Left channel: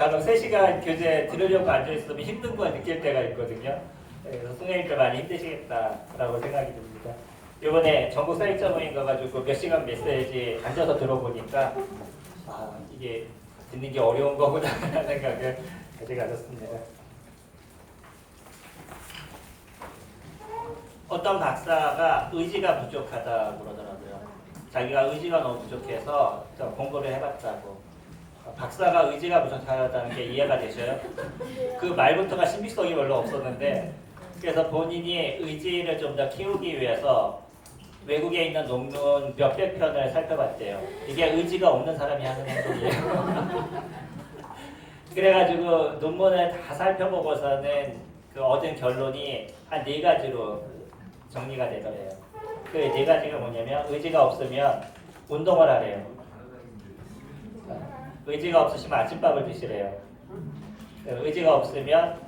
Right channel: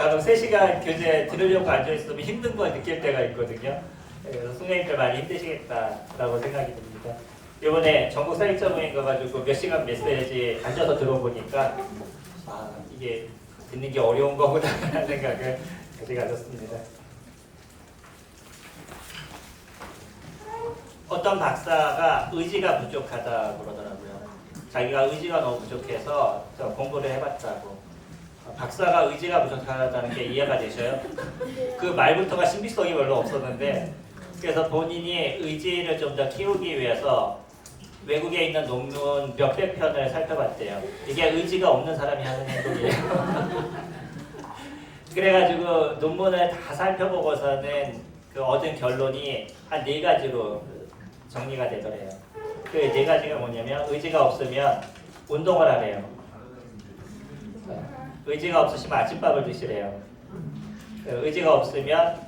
간혹 3시간 교재 들으려고 앉아있으면 힘든 걸 느낄 때가 있거든요. 그래서 선생님들 많이 힘드시겠다라고 생각이 듭니다. 이번에 전국 사익자 모임 가가지고 몇 시간 메시지 앉아서 들어보니까 이게 듣는 게 어려운 거구나 라는 생각을 가졌습니다. 어떤 박사가 의지가 부족하다 그러더라고요. 자기가 의지가 너무 부족해서 공부를 해봤다고. 박사가 의지가 부족하다는 게 이해가 되셔요? 그 말부터가 신빙성이 별로 없었는데, 그래서 본인이 의지를 좀 더 키우기 위해서 외국에 있는 논문 몇백 편을 살펴봤대요. 이게 의지가 없는 사람이 하는 행동이에요. 그래가지고 논문을 다 살펴보고서는 그 얻은 결론이 한 4가지로 정리가 되더래요. 그 4가지가 뭐냐면, 의지가 없으면 운동을 하래요. 의지가 없으시면 아침밥을 드시래요. 의지가 없으면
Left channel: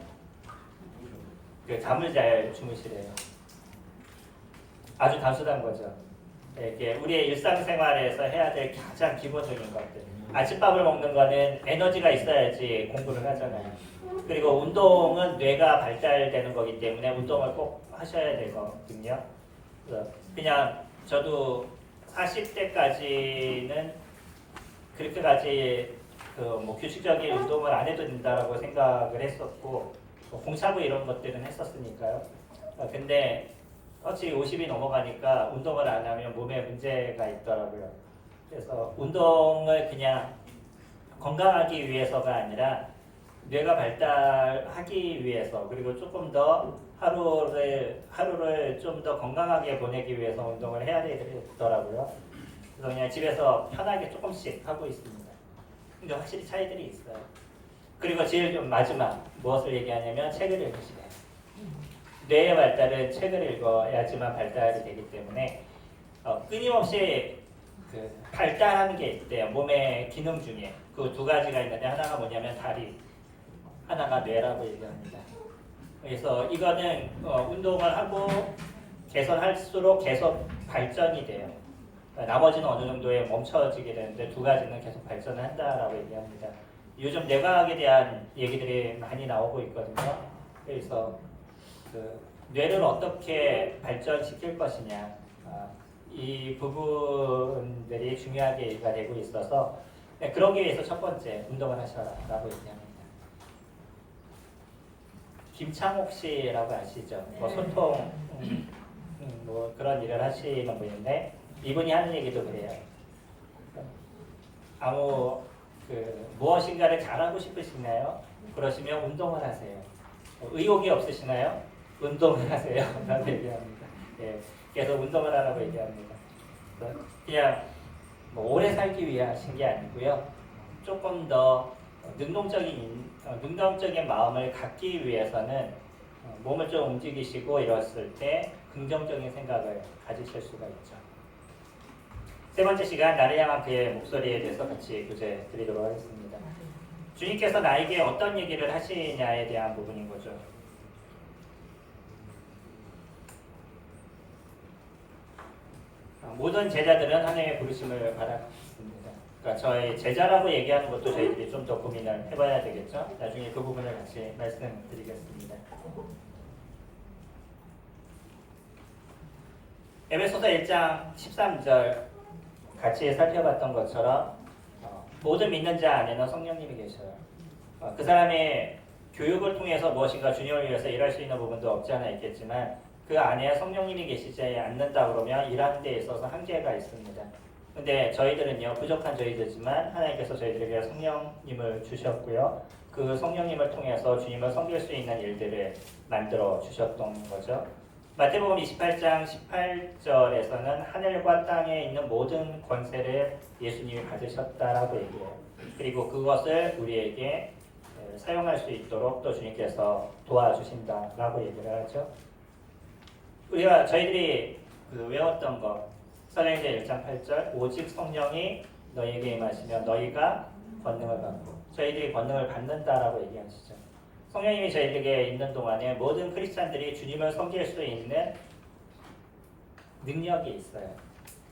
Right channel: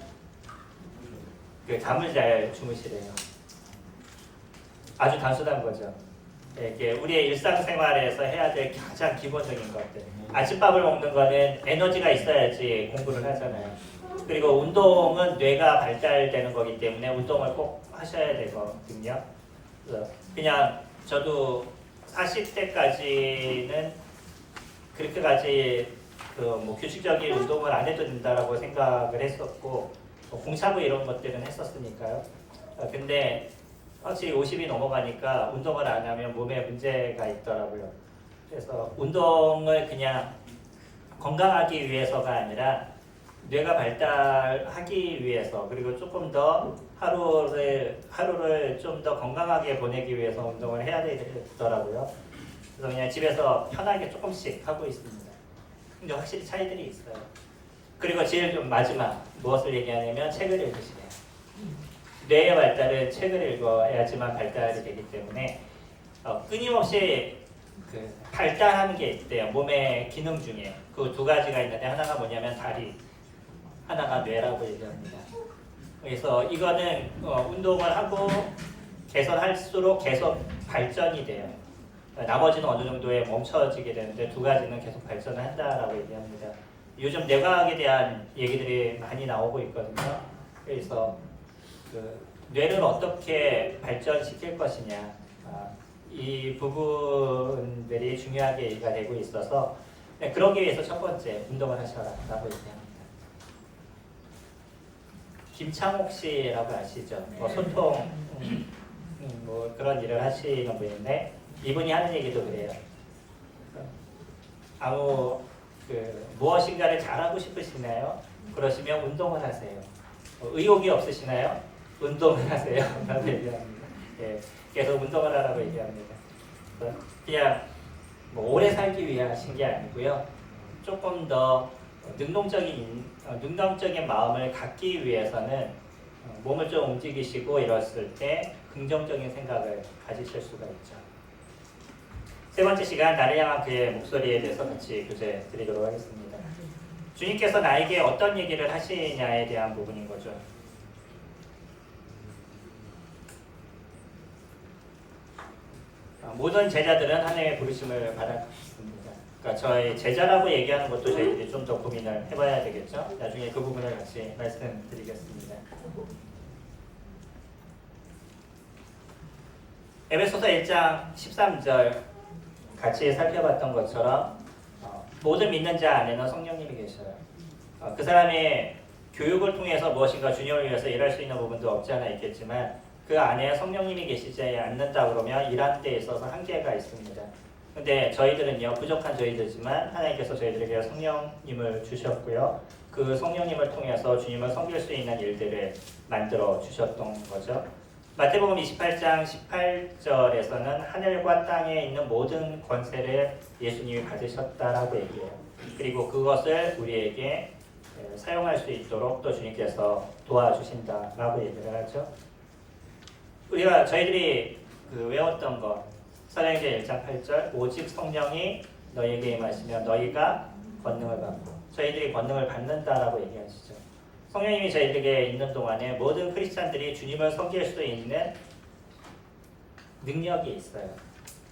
잠을 잘 주무시래요. 아주 단순한 거죠. 이게 우리의 일상생활에서 해야 될 가장 기본적인 것들. 아침밥을 먹는 거는 에너지가 있어야지 공부를 하잖아요. 그리고 운동은 뇌가 발달되는 거기 때문에 운동을 꼭 하셔야 되거든요. 그냥 저도 40대까지는 그렇게까지 규칙적인 운동을 안 해도 된다라고 생각을 했었고, 공차부 이런 것들은 했었으니까요. 근데 확실히 50이 넘어가니까 운동을 안 하면 몸에 문제가 있더라고요. 그래서 운동을 그냥 건강하기 위해서가 아니라 뇌가 발달하기 위해서, 그리고 조금 더 하루를 좀 더 건강하게 보내기 위해서 운동을 해야 되더라고요. 그래서 그냥 집에서 편하게 조금씩 하고 있습니다. 근데 확실히 차이들이 있어요. 그리고 제일 좀 마지막 무엇을 얘기하냐면 책을 읽으시래요. 뇌의 발달은 책을 읽어야지만 발달이 되기 때문에 끊임없이 발달하는 게 있대요. 몸의 기능 중에 그 2가지가 있는데, 하나가 뭐냐면 다리, 하나가 뇌라고 얘기합니다. 그래서 이거는 운동을 하고 개선할수록 계속 발전이 돼요. 나머지는 어느 정도에 멈춰지게 되는데 2가지는 계속 발전을 한다라고 얘기합니다. 요즘 뇌과학에 대한 얘기들이 많이 나오고 있거든요. 그래서 뇌를 어떻게 발전시킬 것이냐, 이 부분들이 중요하게 얘기가 되고 있어서, 그러기 위해서 첫 번째 운동을 하셔라라고 얘기합니다. 김창옥 씨라고 아시죠? 소통 그런 일을 하시는 분인데, 이분이 하는 얘기도 그래요. 무엇인가를 잘하고 싶으시나요? 그러시면 운동을 하세요. 의욕이 없으시나요? 운동을 하세요. 라고 얘기합니다. 계속 운동을 하라고 얘기합니다. 그냥 오래 살기 위해 하신 게 아니고요. 조금 더 능동적인 마음을 갖기 위해서는 몸을 좀 움직이시고 이랬을 때 긍정적인 생각을 가지실 수가 있죠. 3번째 시간, 나를 향한 그의 목소리에 대해서 같이 교제 드리도록 하겠습니다. 주님께서 나에게 어떤 얘기를 하시냐에 대한 부분인 거죠. 모든 제자들은 하나님의 부르심을 받았습니다. 그러니까 저희 제자라고 얘기하는 것도 저희들이 좀 더 고민을 해봐야 되겠죠. 나중에 그 부분을 같이 말씀드리겠습니다. 에베소서 1장 13절 같이 살펴봤던 것처럼 모든 믿는 자 안에는 성령님이 계셔요. 그 사람의 교육을 통해서 무엇인가 주님을 위해서 일할 수 있는 부분도 없지 않아 있겠지만, 그 안에 성령님이 계시지 않는다 그러면 일하는 데 있어서 한계가 있습니다. 근데 저희들은요, 부족한 저희들이지만 하나님께서 저희들에게 성령님을 주셨고요. 그 성령님을 통해서 주님을 섬길 수 있는 일들을 만들어 주셨던 거죠. 마태복음 28장 18절에서는 하늘과 땅에 있는 모든 권세를 예수님이 받으셨다라고 얘기해요. 그리고 그것을 우리에게 사용할 수 있도록 또 주님께서 도와주신다라고 얘기를 하죠. 저희들이 외웠던 것, 사도행전 1장 8절, 오직 성령이 너희에게 임하시면 너희가 권능을 받고, 저희들이 권능을 받는다라고 얘기하시죠. 성령님이 저희에게 있는 동안에 모든 크리스찬들이 주님을 섬길 수 있는 능력이 있어요.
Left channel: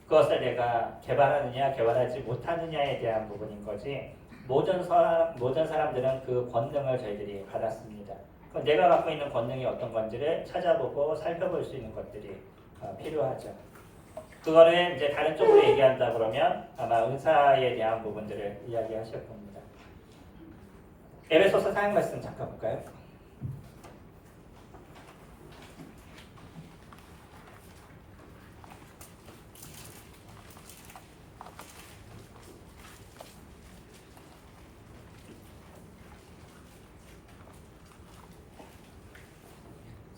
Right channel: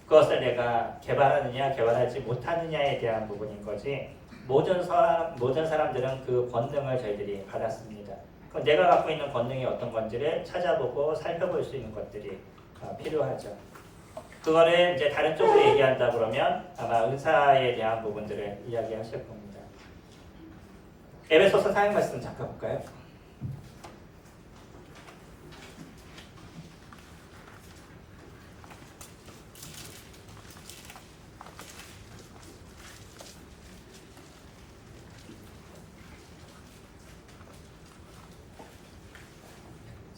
그것을 내가 개발하느냐 개발하지 못하느냐에 대한 부분인 거지, 모든 사람들은 그 권능을 저희들이 받았습니다. 그럼 내가 갖고 있는 권능이 어떤 건지를 찾아보고 살펴볼 수 있는 것들이 필요하죠. 그거를 이제 다른 쪽으로 얘기한다 그러면 아마 은사에 대한 부분들을 이야기하실 겁니다. 에베소서 4장 말씀 잠깐 볼까요?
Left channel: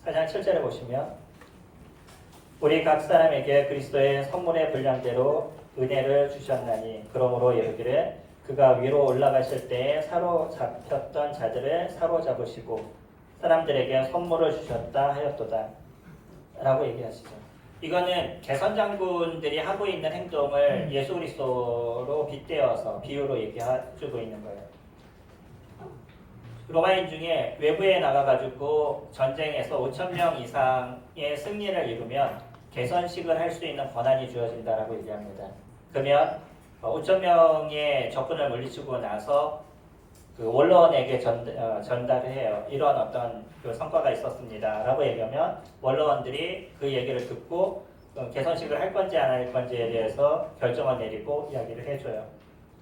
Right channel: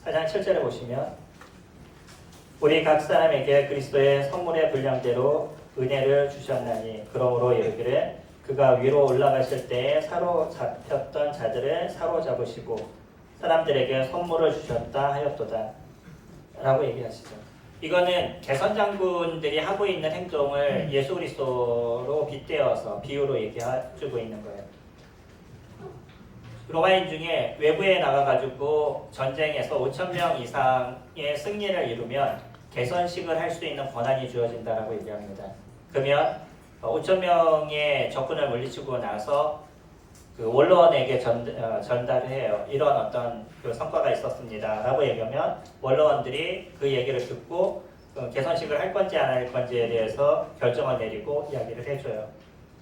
사장 7절에 보시면 우리 각 사람에게 그리스도의 선물의 분량대로 은혜를 주셨나니 그러므로 이르기를 그가 위로 올라가실 때에 사로잡혔던 자들을 사로잡으시고 사람들에게 선물을 주셨다 하였도다 라고 얘기하시죠. 이거는 개선 장군들이 하고 있는 행동을 예수 그리스도로 빗대어서 비유로 얘기해주고 있는 거예요. 로마인 중에 외부에 나가가지고 전쟁에서 5,000명 이상의 승리를 이루면 개선식을 할 수 있는 권한이 주어진다라고 얘기합니다. 그러면 5,000명의 적군을 물리치고 나서 그 원로원에게 전달을 해요. 이런 어떤 그 성과가 있었습니다라고 얘기하면 원로원들이 그 얘기를 듣고 개선식을 할 건지 안 할 건지에 대해서 결정을 내리고 이야기를 해줘요.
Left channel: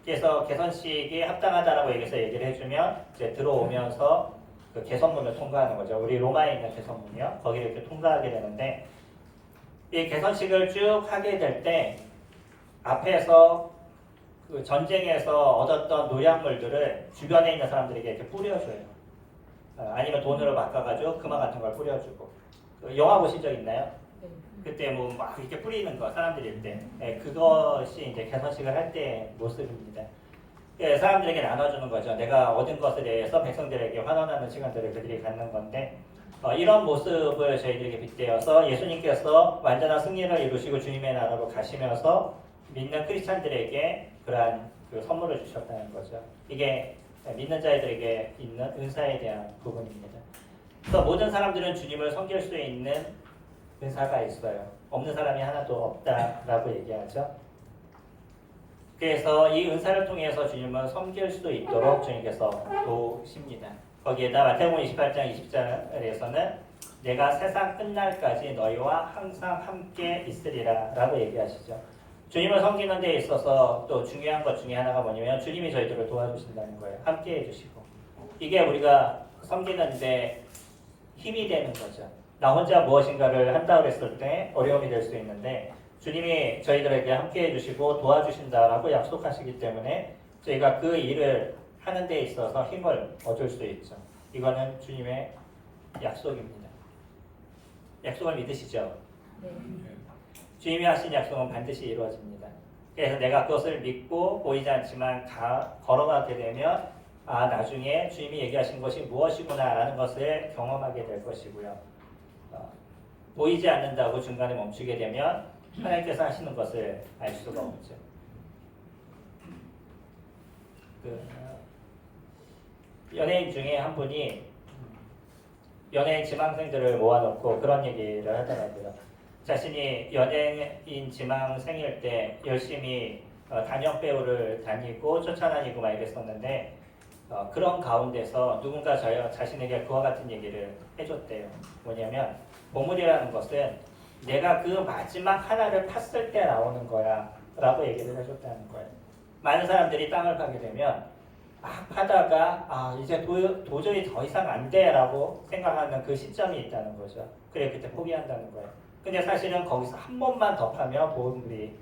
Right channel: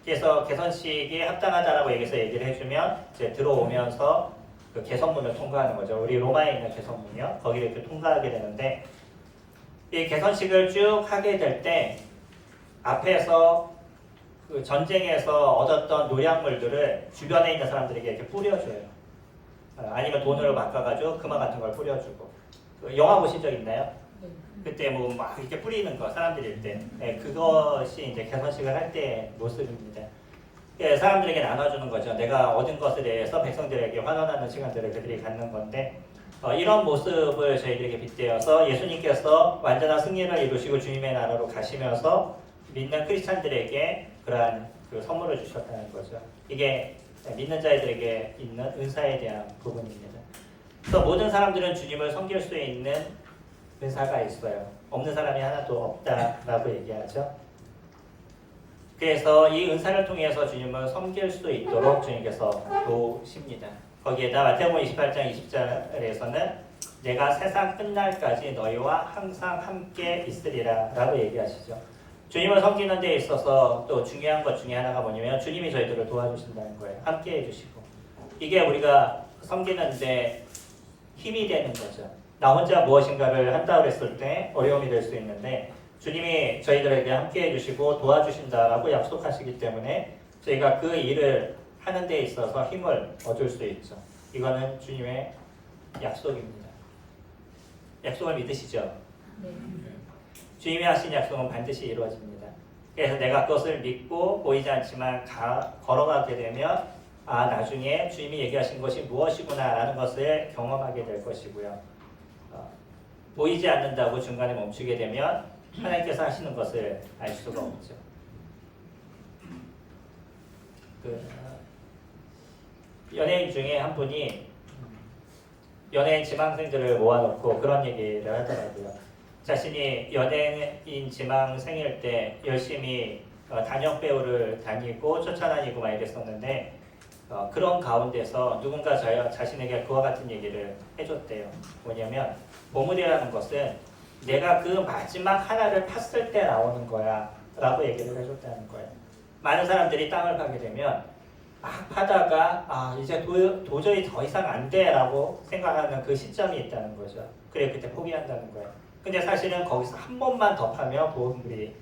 그래서 개선식이 합당하다라고 얘기를 해주면 이제 들어오면서 그 개선문을 통과하는 거죠. 우리 로마에 있는 개선문이요. 거기를 이렇게 통과하게 되는데 이 개선식을 쭉 하게 될 때 앞에서 그 전쟁에서 얻었던 노약물들을 주변에 있는 사람들에게 이렇게 뿌려줘요. 아니면 돈으로 바꿔가지고 금화 같은 걸 뿌려주고. 그 영화 보신 적 있나요? 그때 뭐 막 이렇게 뿌리는 거 사람들일 때 그것이 이제 개선식을 할 때의 모습입니다. 사람들에게 나눠주는 거죠. 내가 얻은 것에 대해서 백성들에게 환원하는 시간들을 그들이 갖는 건데 이런 모습을 저희들에게 빗대어서 예수님께서 완전한 승리를 이루시고 주님의 나라로 가시면서 믿는 크리스찬들에게 그러한 그 선물을 주셨다는 거죠. 이게 믿는 자들에게 있는 은사에 대한 부분입니다. 그래서 모든 사람들은 주님을 섬길 수 있는 은사가 있어요. 없는 사람이 하나도 없다라고 얘기하죠. 그래서 이 은사를 통해서 주님을 섬길 수 있도록 주님께서 도우십니다. 거기에다 마태복음 28장 20절에서는 내가 세상 끝날까지 너희와 항상 함께 있으리라 라고 얘기하시죠. 주님을 섬기는 데 있어서 또 중요한 것 중에 하나가 뭐냐면 주님이 저희들을 도와주신다는 거예요. 함께 해주시고. 이게 우리가 섬기는데 힘이 되는 거죠. 나 혼자 무엇인가를 한다고 했을 때 어려움이 될 수 있는데 주님이 저희들에게 함께 해주시고 도와주신다라고 약속하시기 때문에 저희가 그 일을 하는 데 있어서 힘을 얻을 수 있죠. 이거는 주님의 약속입니다. 약속을 믿으시죠? 네. 주님이 하신 약속은 반드시 이루어집니다. 그래서 내가 그것을 믿고 보이지 않지만 걸어가게 되면 나중에 주님이 얘기하신 것이 무엇이구나 라는 것을 경험하게 될 것이고요. 보이지 않는다고 중간에 멈추게 되면 하나님께서 하시는 것을 알 수가 없죠. 연예인 중에 한 분이 연예인 지망생들을 모아놓고 그런 얘기를 하더라고요. 자신이 연예인 지망생일 때 열심히 단역 배우를 다니고 쫓아다니고 막 이랬었는데 그런 가운데서 누군가 자신에게 그와 같은 얘기를 해줬대요. 뭐냐면 보물이라는 것은 내가 그 마지막 하나를 팠을 때 나오는 거야 라고 얘기를 해줬다는 거예요. 많은 사람들이 땅을 파게 되면 막 파다가 이제 도저히 더 이상 안 돼 라고 생각하는 그 시점이 있다는 거죠. 그래 그때 포기한다는 거예요. 근데 사실은 거기서 한 번만 더 파면 보물이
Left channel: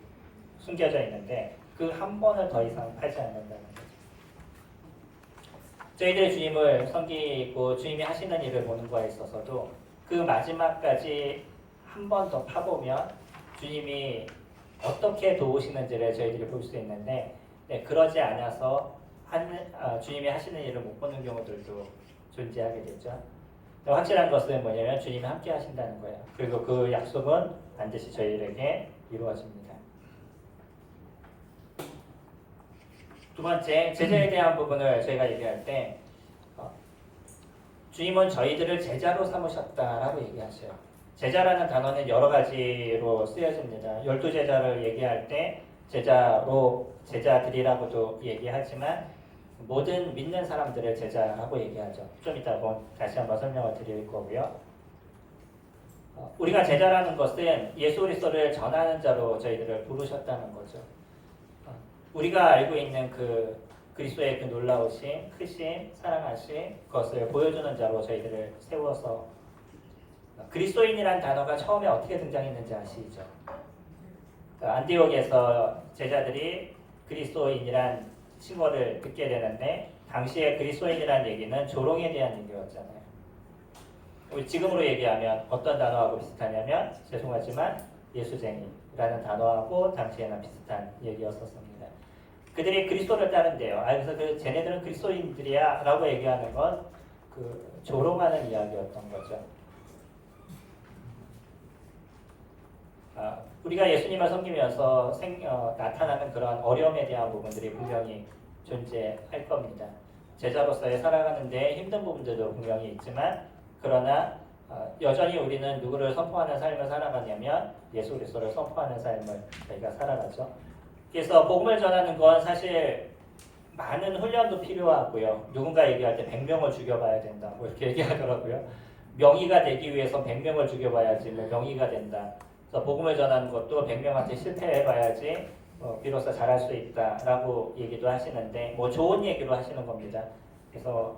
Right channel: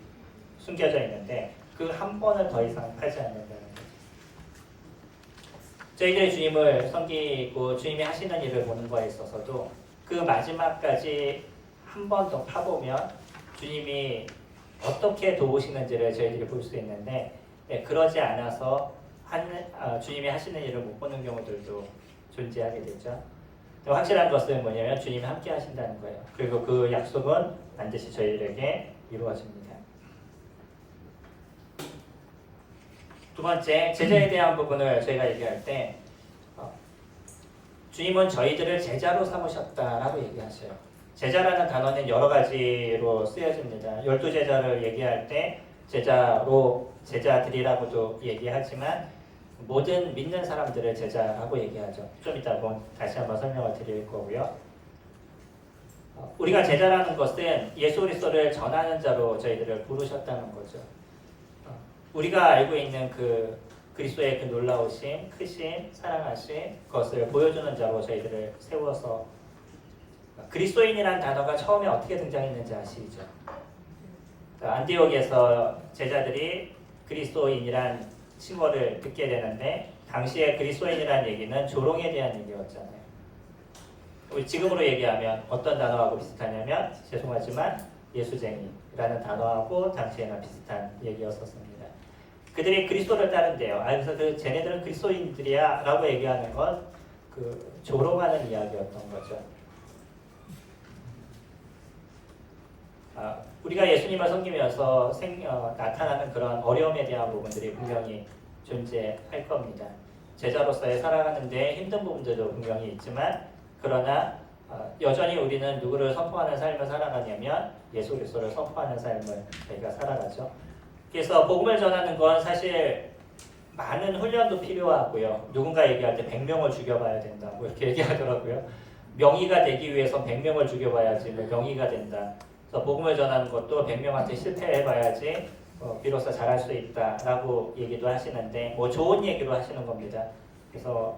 숨겨져 있는데 그 한 번을 더 이상 팔지 않는다는 거죠. 저희들이 주님을 섬기고 주님이 하시는 일을 보는 거에 있어서도 그 마지막까지 한 번 더 파보면 주님이 어떻게 도우시는지를 저희들이 볼 수 있는데 그러지 않아서 주님이 하시는 일을 못 보는 경우들도 존재하게 되죠. 확실한 것은 뭐냐면 주님이 함께 하신다는 거예요. 그리고 그 약속은 반드시 저희들에게 이루어집니다. 두 번째, 제자에 대한 부분을 저희가 얘기할 때 주님은 저희들을 제자로 삼으셨다라고 얘기하셔요. 제자라는 단어는 여러 가지로 쓰여집니다. 12제자를 얘기할 때 제자들이라고도 얘기하지만 모든 믿는 사람들을 제자라고 얘기하죠. 좀 이따 다시 한번 설명을 드릴 거고요. 우리가 제자라는 것은 예수 그리스도를 전하는 자로 저희들을 부르셨다는 거죠. 우리가 알고 있는 그 그리스도의 그 놀라우신, 크신, 사랑하신 것을 보여주는 자로 저희들을 세워서 그리스도인이란 단어가 처음에 어떻게 등장했는지 아시죠? 안디옥에서 제자들이 그리스도인이란 칭호를 듣게 되는데 당시에 그리스도인이라는 얘기는 조롱에 대한 얘기였잖아요. 우리 지금으로 얘기하면 어떤 단어하고 비슷하냐면 죄송하지만 예수쟁이라는 단어하고 당시에는 비슷한 얘기였었습니다. 그들이 그리스도를 따른대요. 그래서 쟤네들은 그리스도인들이야 라고 얘기하는 건 그 조롱하는 이야기였던 거죠. 우리가 예수님을 섬기면서 나타나는 그런 어려움에 대한 부분들이 분명히 존재할 겁니다. 제자로서의 살아가는데 힘든 부분들도 분명히 있지만 그러나 여전히 우리는 누구를 선포하는 삶을 살아가냐면 예수 그리스도를 선포하는 삶을 저희가 살아가죠. 그래서 복음을 전하는 건 사실 많은 훈련도 필요하고요. 누군가 얘기할 때 100명을 죽여봐야 된다. 뭐 이렇게 얘기하더라고요. 명의가 되기 위해서 100명을 죽여봐야지 명의가 된다. 그래서 복음을 전하는 것도 100명한테 실패해봐야지 비로소 잘할 수 있다라고 얘기도 하시는데 뭐 좋은 얘기로 하시는 겁니다. 그래서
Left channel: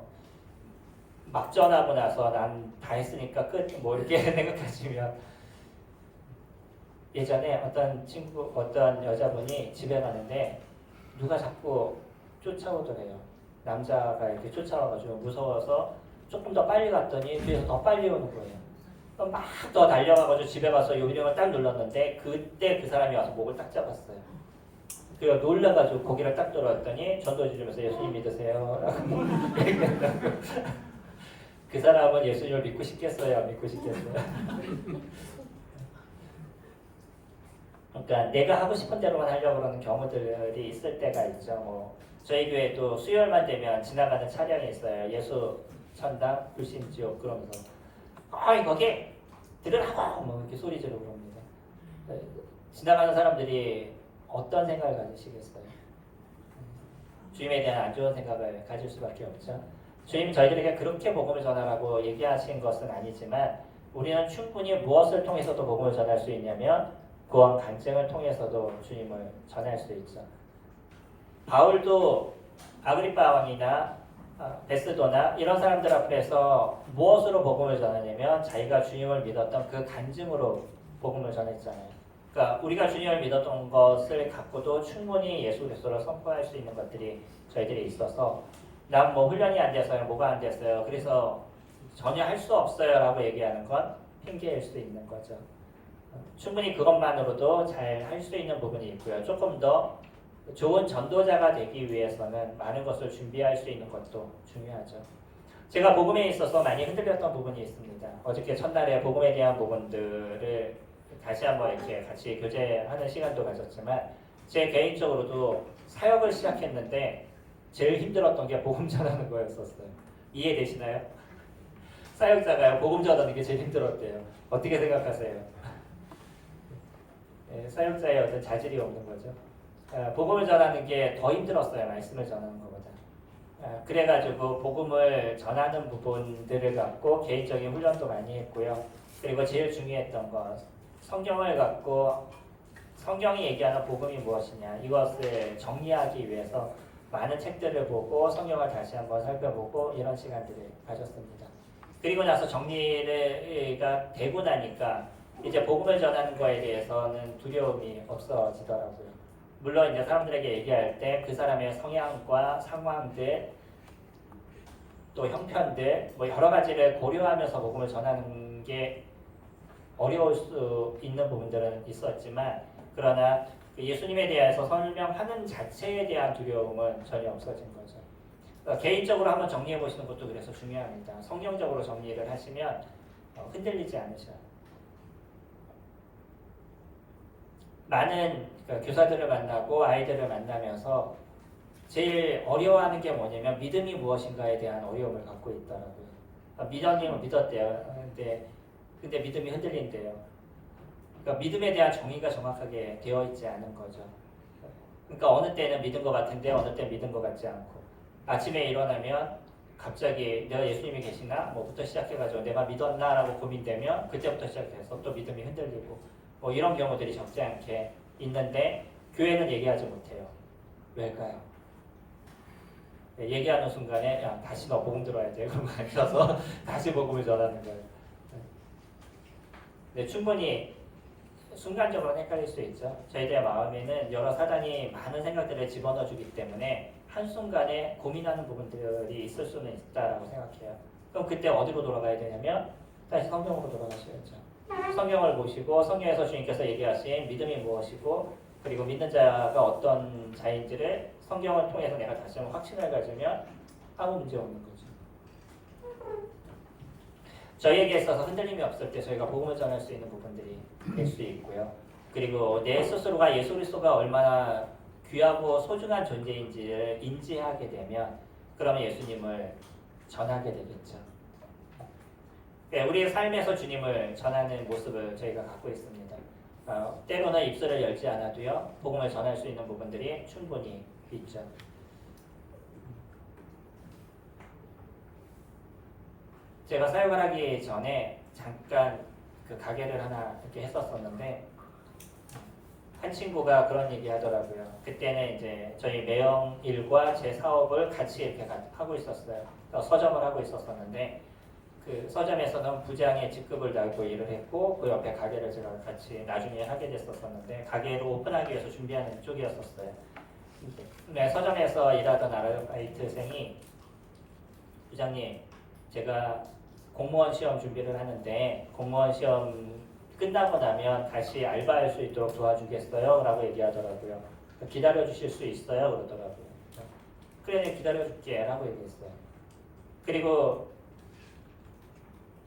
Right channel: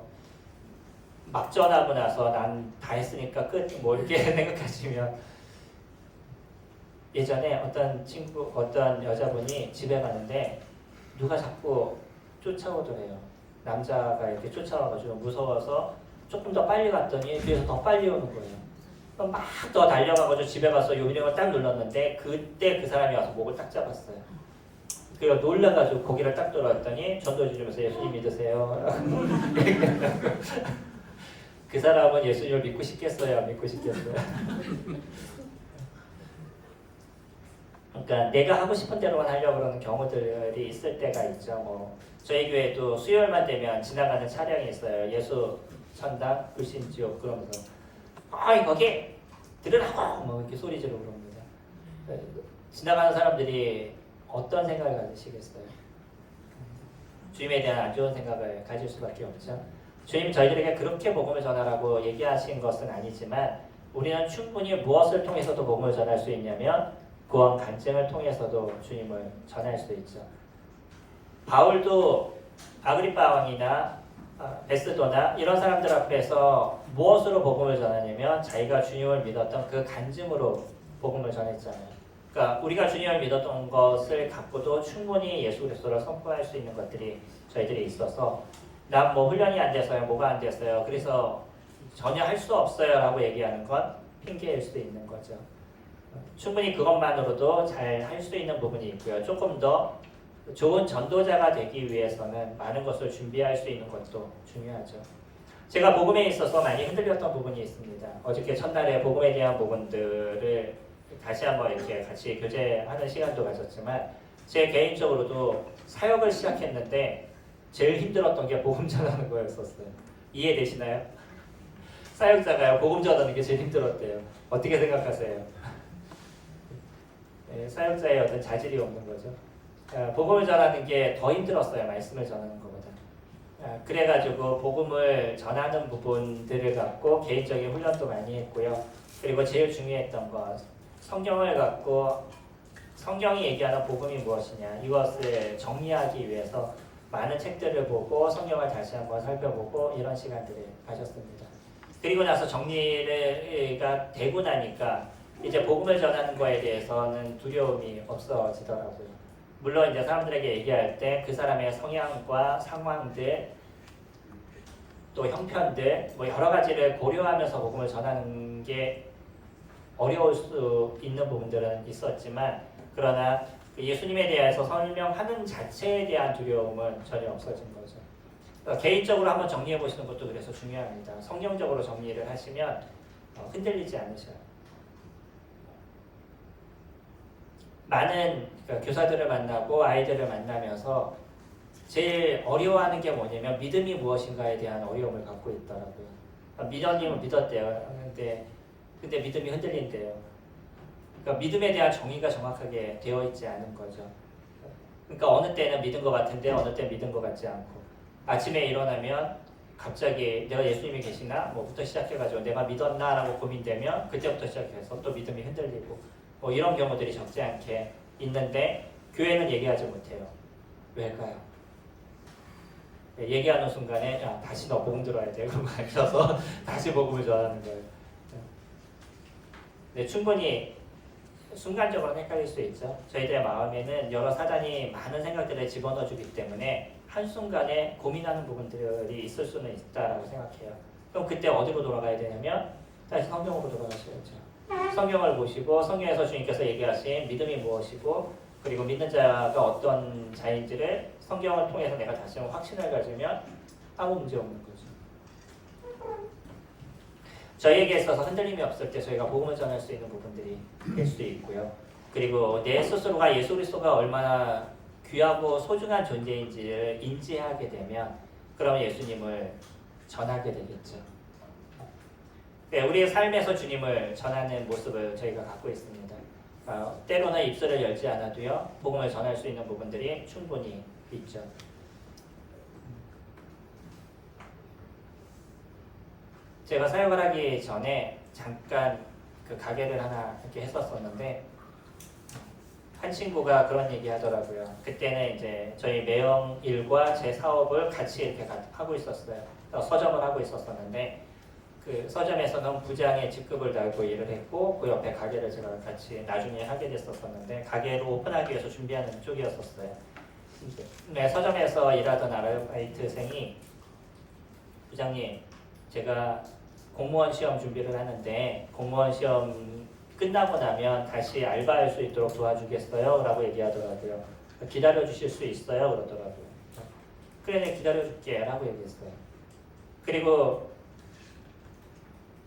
막 전하고 나서 난 다 했으니까 끝 뭐 이렇게 생각하시면 예전에 어떤 여자분이 집에 가는데 누가 자꾸 쫓아오더래요. 남자가 이렇게 쫓아와가지고 무서워서 조금 더 빨리 갔더니 뒤에서 더 빨리 오는 거예요. 막 더 달려가가지고 집에 가서 요령을 딱 눌렀는데 그때 그 사람이 와서 목을 딱 잡았어요. 그래서 놀라가지고 고개를 딱 돌았더니 전도지 주면서 예수님 믿으세요. 그 사람은 예수님을 믿고 싶겠어요? 안 믿고 싶겠어요? 그러니까 내가 하고 싶은 대로만 하려고 그러는 경우들이 있을 때가 있죠. 뭐 저희 교회도 수요일만 되면 지나가는 차량이 있어요. 예수 천당 불신지옥 그러면서 거기 들으라고 뭐 이렇게 소리 지르고 그럽니다. 지나가는 사람들이 어떤 생각을 가지시겠어요? 주님에 대한 안 좋은 생각을 가질 수밖에 없죠. 주님이 저희들에게 그렇게 복음을 전하라고 얘기하신 것은 아니지만 우리는 충분히 무엇을 통해서도 복음을 전할 수 있냐면 구원 간증을 통해서도 주님을 전할 수 있죠. 바울도 아그리파 왕이나 베스도나 이런 사람들 앞에서 무엇으로 복음을 전하냐면 자기가 주님을 믿었던 그 간증으로 복음을 전했잖아요. 그러니까 우리가 주님을 믿었던 것을 갖고도 충분히 예수 그리스도를 선포할 수 있는 것들이 저희들이 있어서 난 뭐 훈련이 안 돼서요, 뭐가 안 됐어요, 그래서 전혀 할 수 없어요 라고 얘기하는 건 핑계일 수도 있는 거죠. 충분히 그것만으로도 잘 할 수 있는 부분이 있고요. 조금 더 좋은 전도자가 되기 위해서는 많은 것을 준비할 수 있는 것도 중요하죠. 제가 복음에 있어서 많이 흔들렸던 부분이 있습니다. 어저께 첫날에 복음에 대한 부분들을 다시 한번 이렇게 같이 교제하는 시간도 가졌지만 제 개인적으로도 사역을 시작했는데 제일 힘들었던 게 복음 전하는 거였었어요. 이해되시나요? 사역자가요, 복음 전하는 게 제일 힘들었대요. 어떻게 생각하세요? 사역자의 어떤 자질이 없는 거죠. 복음을 전하는 게 더 힘들었어요. 말씀을 전하는 것보다. 그래가지고 복음을 전하는 부분들을 갖고 개인적인 훈련도 많이 했고요. 그리고 제일 중요했던 것, 성경을 갖고 성경이 얘기하는 복음이 무엇이냐 이것을 정리하기 위해서 많은 책들을 보고 성경을 다시 한번 살펴보고 이런 시간들을 가졌습니다. 그리고 나서 정리가 되고 나니까 이제 복음을 전하는 거에 대해서는 두려움이 없어지더라고요. 물론 이제 사람들에게 얘기할 때 그 사람의 성향과 상황들 또 형편들 뭐 여러 가지를 고려하면서 복음을 전하는 게 어려울 수 있는 부분들은 있었지만 그러나 예수님에 대해서 설명하는 자체에 대한 두려움은 전혀 없어진 거죠. 그러니까 개인적으로 한번 정리해 보시는 것도 그래서 중요합니다. 성경적으로 정리를 하시면 흔들리지 않으셔요. 많은 교사들을 만나고 아이들을 만나면서 제일 어려워하는 게 뭐냐면 믿음이 무엇인가에 대한 어려움을 갖고 있더라고요. 믿었님은 믿었대요. 근데 믿음이 흔들린대요. 그러니까 믿음에 대한 정의가 정확하게 되어 있지 않은 거죠. 그러니까 어느 때는 믿은 것 같은데 어느 때는 믿은 것 같지 않고 아침에 일어나면 갑자기 내가 예수님이 계시나? 뭐부터 시작해가지고 내가 믿었나라고 고민되면 그때부터 시작해서 또 믿음이 흔들리고 뭐 이런 경우들이 적지 않게 있는데 교회는 얘기하지 못해요. 왜일까요? 얘기하는 순간에 야 다시 너 복음 들어야 돼. 그런 거 아니라서 다시 복음을 전하는 거예요. 네, 충분히 순간적으로 헷갈릴 수 있죠. 저희들의 마음에는 여러 사단이 많은 생각들을 집어넣어주기 때문에 한순간에 고민하는 부분들이 있을 수는 있다라고 생각해요. 그럼 그때 어디로 돌아가야 되냐면 다시 성경으로 돌아가셔야죠. 성경을 보시고 성경에서 주님께서 얘기하신 믿음이 무엇이고 그리고 믿는 자가 어떤 자인지를 성경을 통해서 내가 다시 한번 확신을 가지면 아무 문제 없는 거죠. 저희에게 있어서 흔들림이 없을 때 저희가 복음을 전할 수 있는 부분들이 될 수 있고요. 그리고 내 스스로가 예수 그리스도가 얼마나 귀하고 소중한 존재인지를 인지하게 되면 그럼 예수님을 전하게 되겠죠. 네, 우리의 삶에서 주님을 전하는 모습을 저희가 갖고 있습니다. 때로는 입술을 열지 않아도요. 복음을 전할 수 있는 부분들이 충분히 있죠. 제가 사역을 하기 전에 잠깐 그 가게를 하나 이렇게 했었었는데 한 친구가 그런 얘기 하더라고요. 그때는 이제 저희 매형 일과 제 사업을 같이 이렇게 하고 있었어요. 서점을 하고 있었었는데 그 서점에서는 부장의 직급을 달고 일을 했고 그 옆에 가게를 제가 같이 나중에 하게 됐었었는데 가게를 오픈하기 위해서 준비하는 쪽이었었어요. 네, 서점에서 일하던 아르바이트생이 부장님 제가 공무원 시험 준비를 하는데 공무원 시험 끝나고 나면 다시 알바할 수 있도록 도와주겠어요? 라고 얘기하더라고요. 기다려 주실 수 있어요? 그러더라고요. 그래 기다려 줄게 라고 얘기했어요. 그리고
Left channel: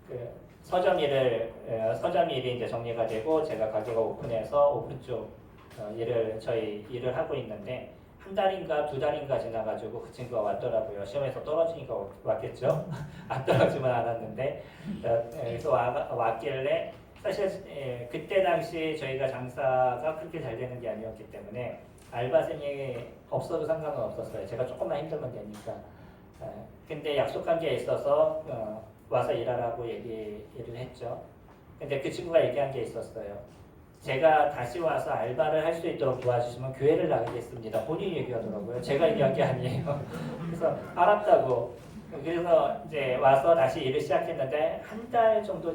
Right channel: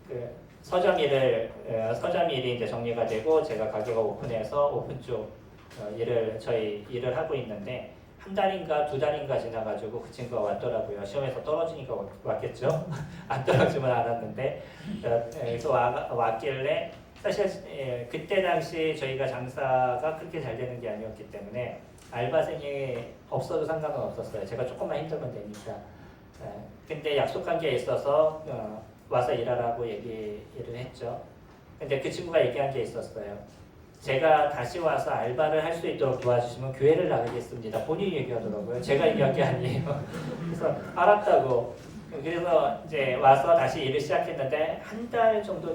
그 서점 일이 이제 정리가 되고 제가 가게가 오픈해서 오픈 쪽 저희 일을 하고 있는데 한 달인가 두 달인가 지나가지고 그 친구가 왔더라고요. 시험에서 떨어지니까 왔겠죠. 안 떨어지면 않았는데 그래서 왔길래 사실 그때 당시 저희가 장사가 그렇게 잘 되는 게 아니었기 때문에 알바생이 없어도 상관은 없었어요. 제가 조금만 힘들면 되니까. 근데 약속한 게 있어서 와서 일하라고 얘기를 했죠. 근데 그 친구가 얘기한 게 있었어요. 제가 다시 와서 알바를 할 수 있도록 도와주시면 교회를 나가겠습니다. 본인이 얘기하더라고요. 제가 얘기한 게 아니에요. 그래서 알았다고. 그래서 이제 와서 다시 일을 시작했는데 한 달 정도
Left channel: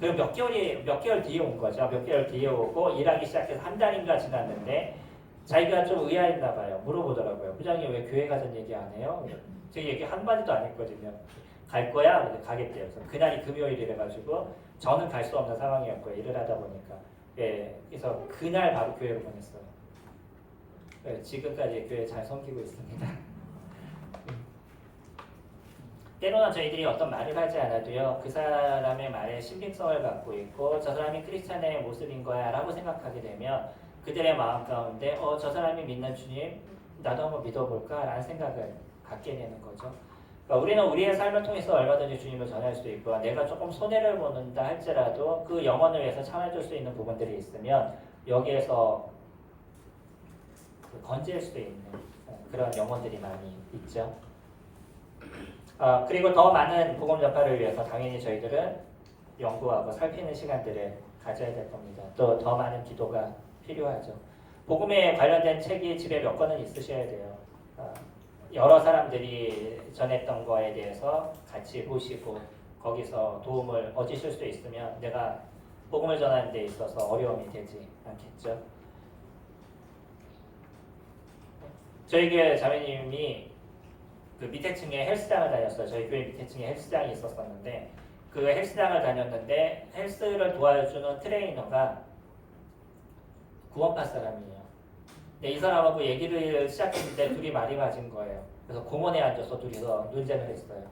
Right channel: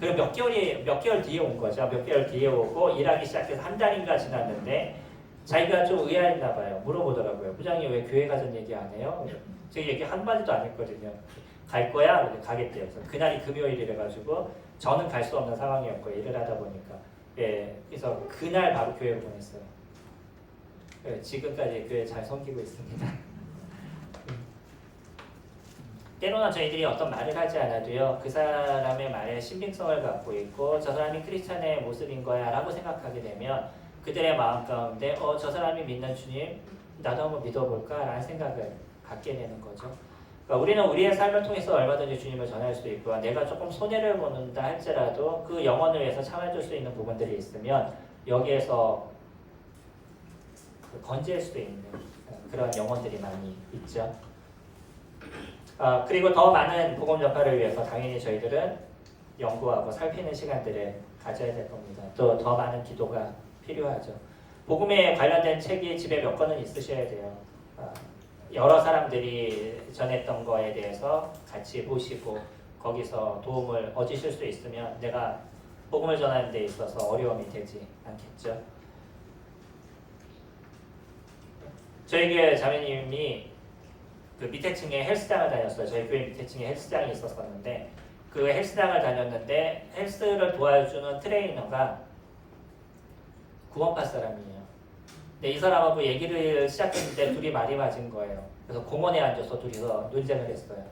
그 몇 개월 뒤에 온 거죠. 몇 개월 뒤에 오고 일하기 시작해서 한 달인가 지났는데 자기가 좀 의아했나 봐요. 물어보더라고요. 부장님 왜 교회 가자는 얘기 안 해요? 제가 얘기 한마디도 안 했거든요. 갈 거야? 그래서 가겠대요. 그래서 그날이 금요일이라 가지고 저는 갈 수 없는 상황이었고요. 일을 하다 보니까. 예, 그래서 그날 바로 교회로 보냈어요. 예, 지금까지 교회 잘 섬기고 있습니다. 때로는 저희들이 어떤 말을 하지 않아도요. 그 사람의 말에 신빙성을 갖고 있고 저 사람이 크리스찬의 모습인 거야 라고 생각하게 되면 그들의 마음 가운데 저 사람이 믿는 주님 나도 한번 믿어볼까 라는 생각을 갖게 되는 거죠. 그러니까 우리는 우리의 삶을 통해서 얼마든지 주님을 전할 수 있고 내가 조금 손해를 보는다 할지라도 그 영혼을 위해서 참아줄 수 있는 부분들이 있으면 여기에서 건질 수 있는 그런 영혼들이 많이 있죠. 그리고 더 많은 복음 전파를 위해서 당연히 저희들은 연구하고 살피는 시간들을 가져야 될 겁니다. 또 더 많은 기도가 필요하죠. 복음에 관련된 책이 집에 몇 권은 있으셔야 돼요. 여러 사람들이 전했던 거에 대해서 같이 보시고 거기서 도움을 얻으실 수 있으면 내가 복음을 전하는 데 있어서 어려움이 되지 않겠죠. 저희 교회 자매님이 그 밑에 층에 헬스장을 다녔어요. 저희 교회 밑에 층에 헬스장이 있었었는데 그 헬스장을 다녔는데 헬스를 도와주는 트레이너가 구원파 사람이에요. 근데 이 사람하고 얘기를 시작했는데 둘이 말이 맞은 거예요. 그래서 공원에 앉아서 둘이서 논쟁을 했어요.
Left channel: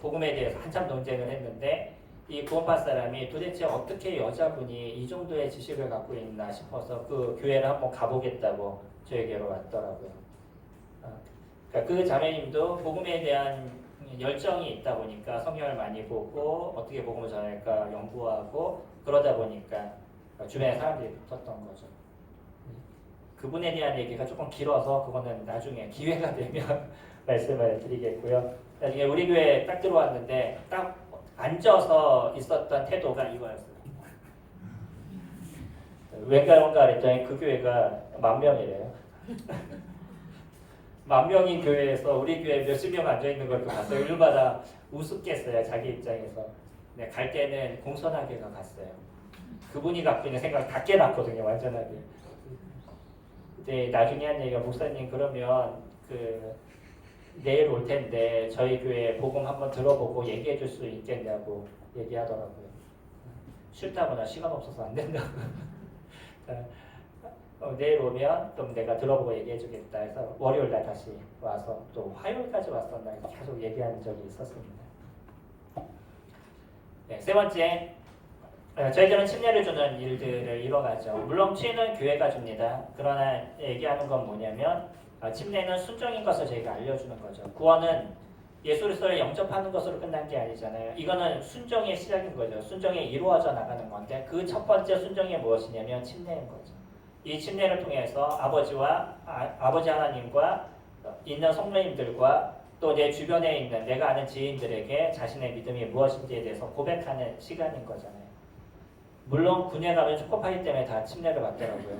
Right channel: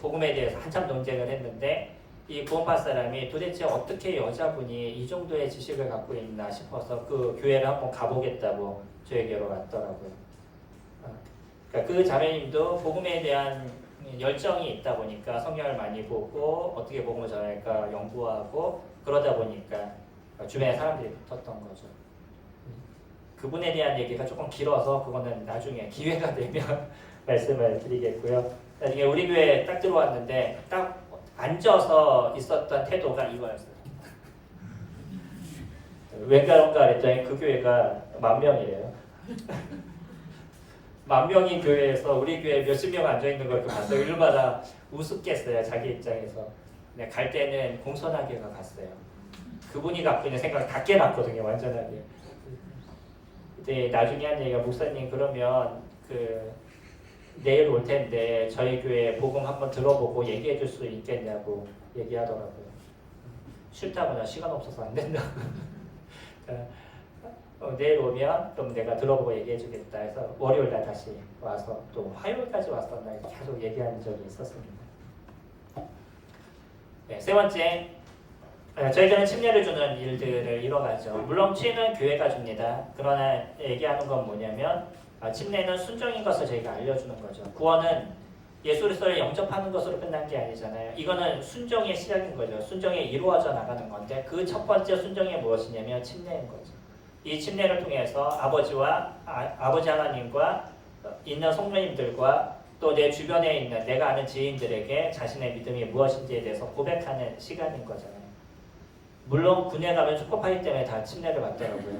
복음에 대해서 한참 논쟁을 했는데 이 구원파 사람이 도대체 어떻게 여자분이 이 정도의 지식을 갖고 있나 싶어서 그 교회를 한번 가보겠다고 저에게로 왔더라고요. 그러니까 그 자매님도 복음에 대한 열정이 있다 보니까 성경을 많이 보고 어떻게 복음을 전할까 연구하고 그러다 보니까 주변에 사람들이 붙었던 거죠. 그분에 대한 얘기가 조금 길어서 그거는 나중에 기회가 되면 말씀을 드리겠고요. 나중에 우리 교회에 딱 들어왔는데 딱 앉아서 있었던 태도가 이거였어요. 왠가론가 그랬더니 그 교회가 10,000명이래요. 10,000명이 교회에서 우리 교회 몇십 명 앉아있는 걸 봤어요. 일마다 우습겠어요. 자기 입장에서. 네, 갈 때는 공손하게가 갔어요. 그분이 갖고 있는 생각 다 깨놨거든요. 완전하게. 근데 나중에 한 얘기가 목사님 그러면 내일 올 텐데 저희 교회 복음 한번 들어보고 얘기해 줄 수 있겠냐고 얘기하더라고요. 싫다거나 시간 없어서 안 된다고. 내일 오면 좀 내가 들어보고 얘기해 주겠다 해서 월요일 날 다시 와서 또 화요일까지 왔었나 계속 얘기한 적이 있었습니다. 네, 세 번째, 저희들은 침례를 주는 일들을 이뤄가죠. 물론 침례는 교회가 줍니다. 그러나 얘기하는 건 뭐냐면 침례는 순종인 것을 저희가 알려주는 거죠. 구원은 예수 그리스도를 영접하는 것으로 끝난 게 아니잖아요. 이거는 순종의 시작인 거죠. 순종이 이루어져 나가는 건데 그 첫 번째 순종이 무엇이냐면 침례인 거죠. 이 침례를 통해서 아버지 하나님과 있는 성도님들과 또 내 주변에 있는 내가 아는 지인들에게 자신의 믿음이 무엇인지에 대해서 고백하는 시간인 거잖아요. 물론 군에 가면 초코파이 때문에 다 침례를 받더라고요.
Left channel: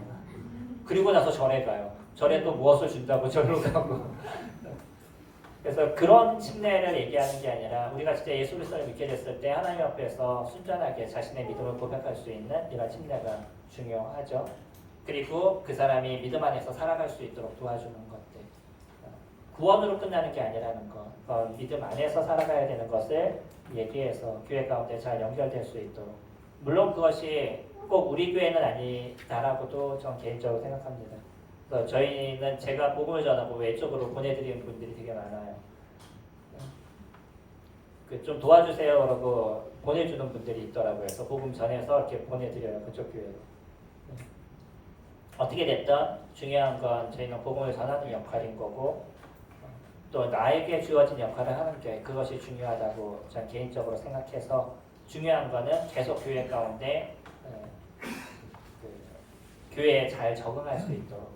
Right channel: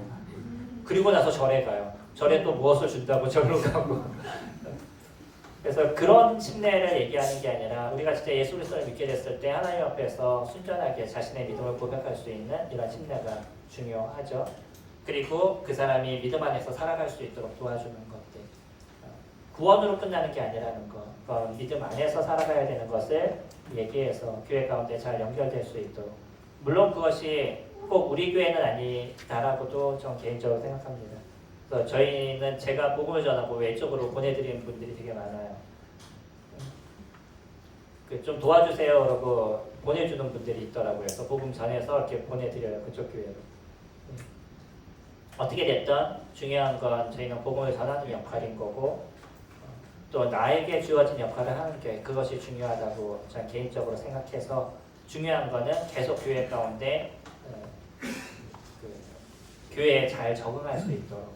그리고 나서 절에 가요. 절에 또 무엇을 준다고 절로 가고. 그래서 그런 침례를 얘기하는 게 아니라 우리가 진짜 예수 그리스도를 믿게 됐을 때 하나님 앞에서 순전하게 자신의 믿음을 고백할 수 있는 이런 침례가 중요하죠. 그리고 그 사람이 믿음 안에서 살아갈 수 있도록 도와주는 것들. 구원으로 끝나는 게 아니라는 것. 믿음 안에서 살아가야 되는 것을 얘기해서 교회 가운데 잘 연결될 수 있도록. 물론 그것이 꼭 우리 교회는 아니다라고도 전 개인적으로 생각합니다. 그래서 저희는 제가 복음을 전하고 외적으로 보내드리는 분들이 되게 많아요. 좀 도와주세요 그러고 보내주는 분들이 있더라고요. 그래서 복음 전해서 이렇게 보내드려요. 그쪽 교회로. 어떻게 됐든 중요한 건 저희는 복음을 전하는 역할인 거고 또 나에게 주어진 역할을 하는 게 그것이 중요하다고 저는 개인적으로 생각해서 중요한 거는 계속 교회 가운데 교회에 잘 적응할 수 있도록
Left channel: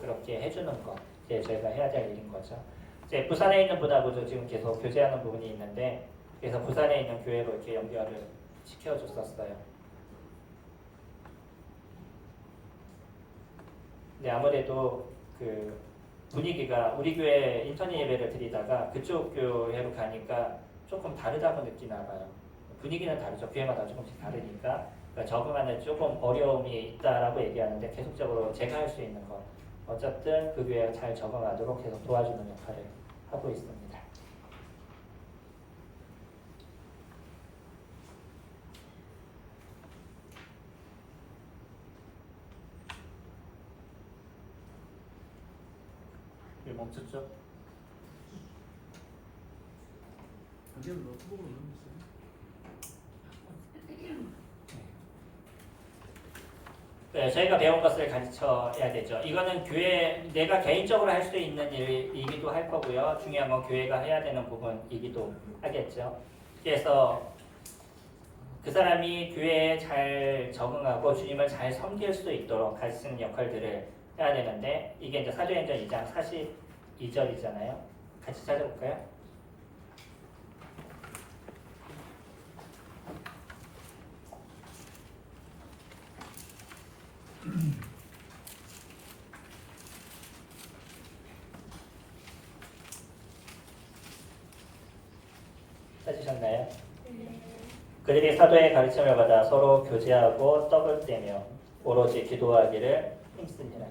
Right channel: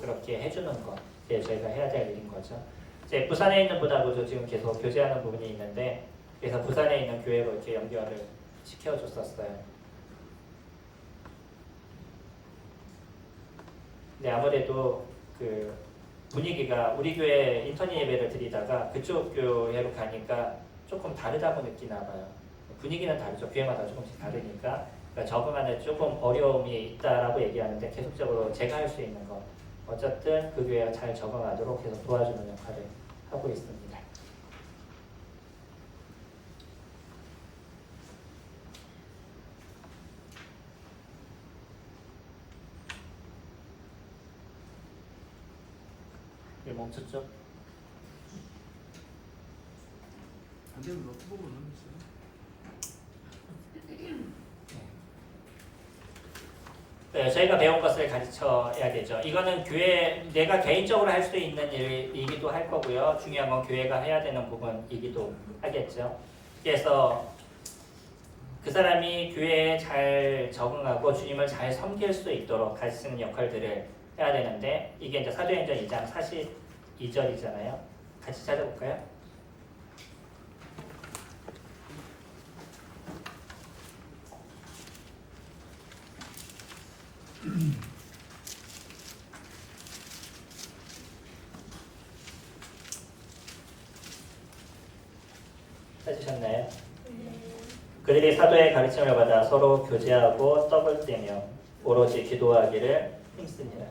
그렇게 해주는 것, 그게 저희가 해야 될 일인 거죠. 이제 부산에 있는 분하고도 지금 계속 교제하는 부분이 있는데 그래서 부산에 있는 교회로 이렇게 연결을 시켜줬었어요. 근데 아무래도 분위기가 우리 교회 인턴 예배를 드리다가 그쪽 교회로 가니까 조금 다르다고 느끼나 봐요. 분위기는 다르죠. 교회마다 조금씩 다르니까 그러니까 적응하는 조금 어려움이 있다라고 얘기하는데 계속적으로 제가 할 수 있는 것 어쨌든 그 교회가 잘 적응하도록 계속 도와주는 역할을 하고 있습니다. 왜 멈췄죠? 네, 저희가 배운 것을 가르쳐야 되죠. 이거는 교회 내가 개인적으로 할 수 있는 일이기도 할 거고요. 중요한 건 교회가 해야 되는 부분이기도 하겠죠. 그래서 그 사람이 교회에 잘 적응하고 주님을 잘 섬길 수 있도록 가르치는 역할들을 해야 되는데 이게 이제 사도행전 2장 42절이잖아요. 같이 찾아볼까요? 찾으셨나요? 그들이 사도의 가르침을 받아 서로 교제하고 떡을 떼며 오로지 기도하기를 힘쓰니라.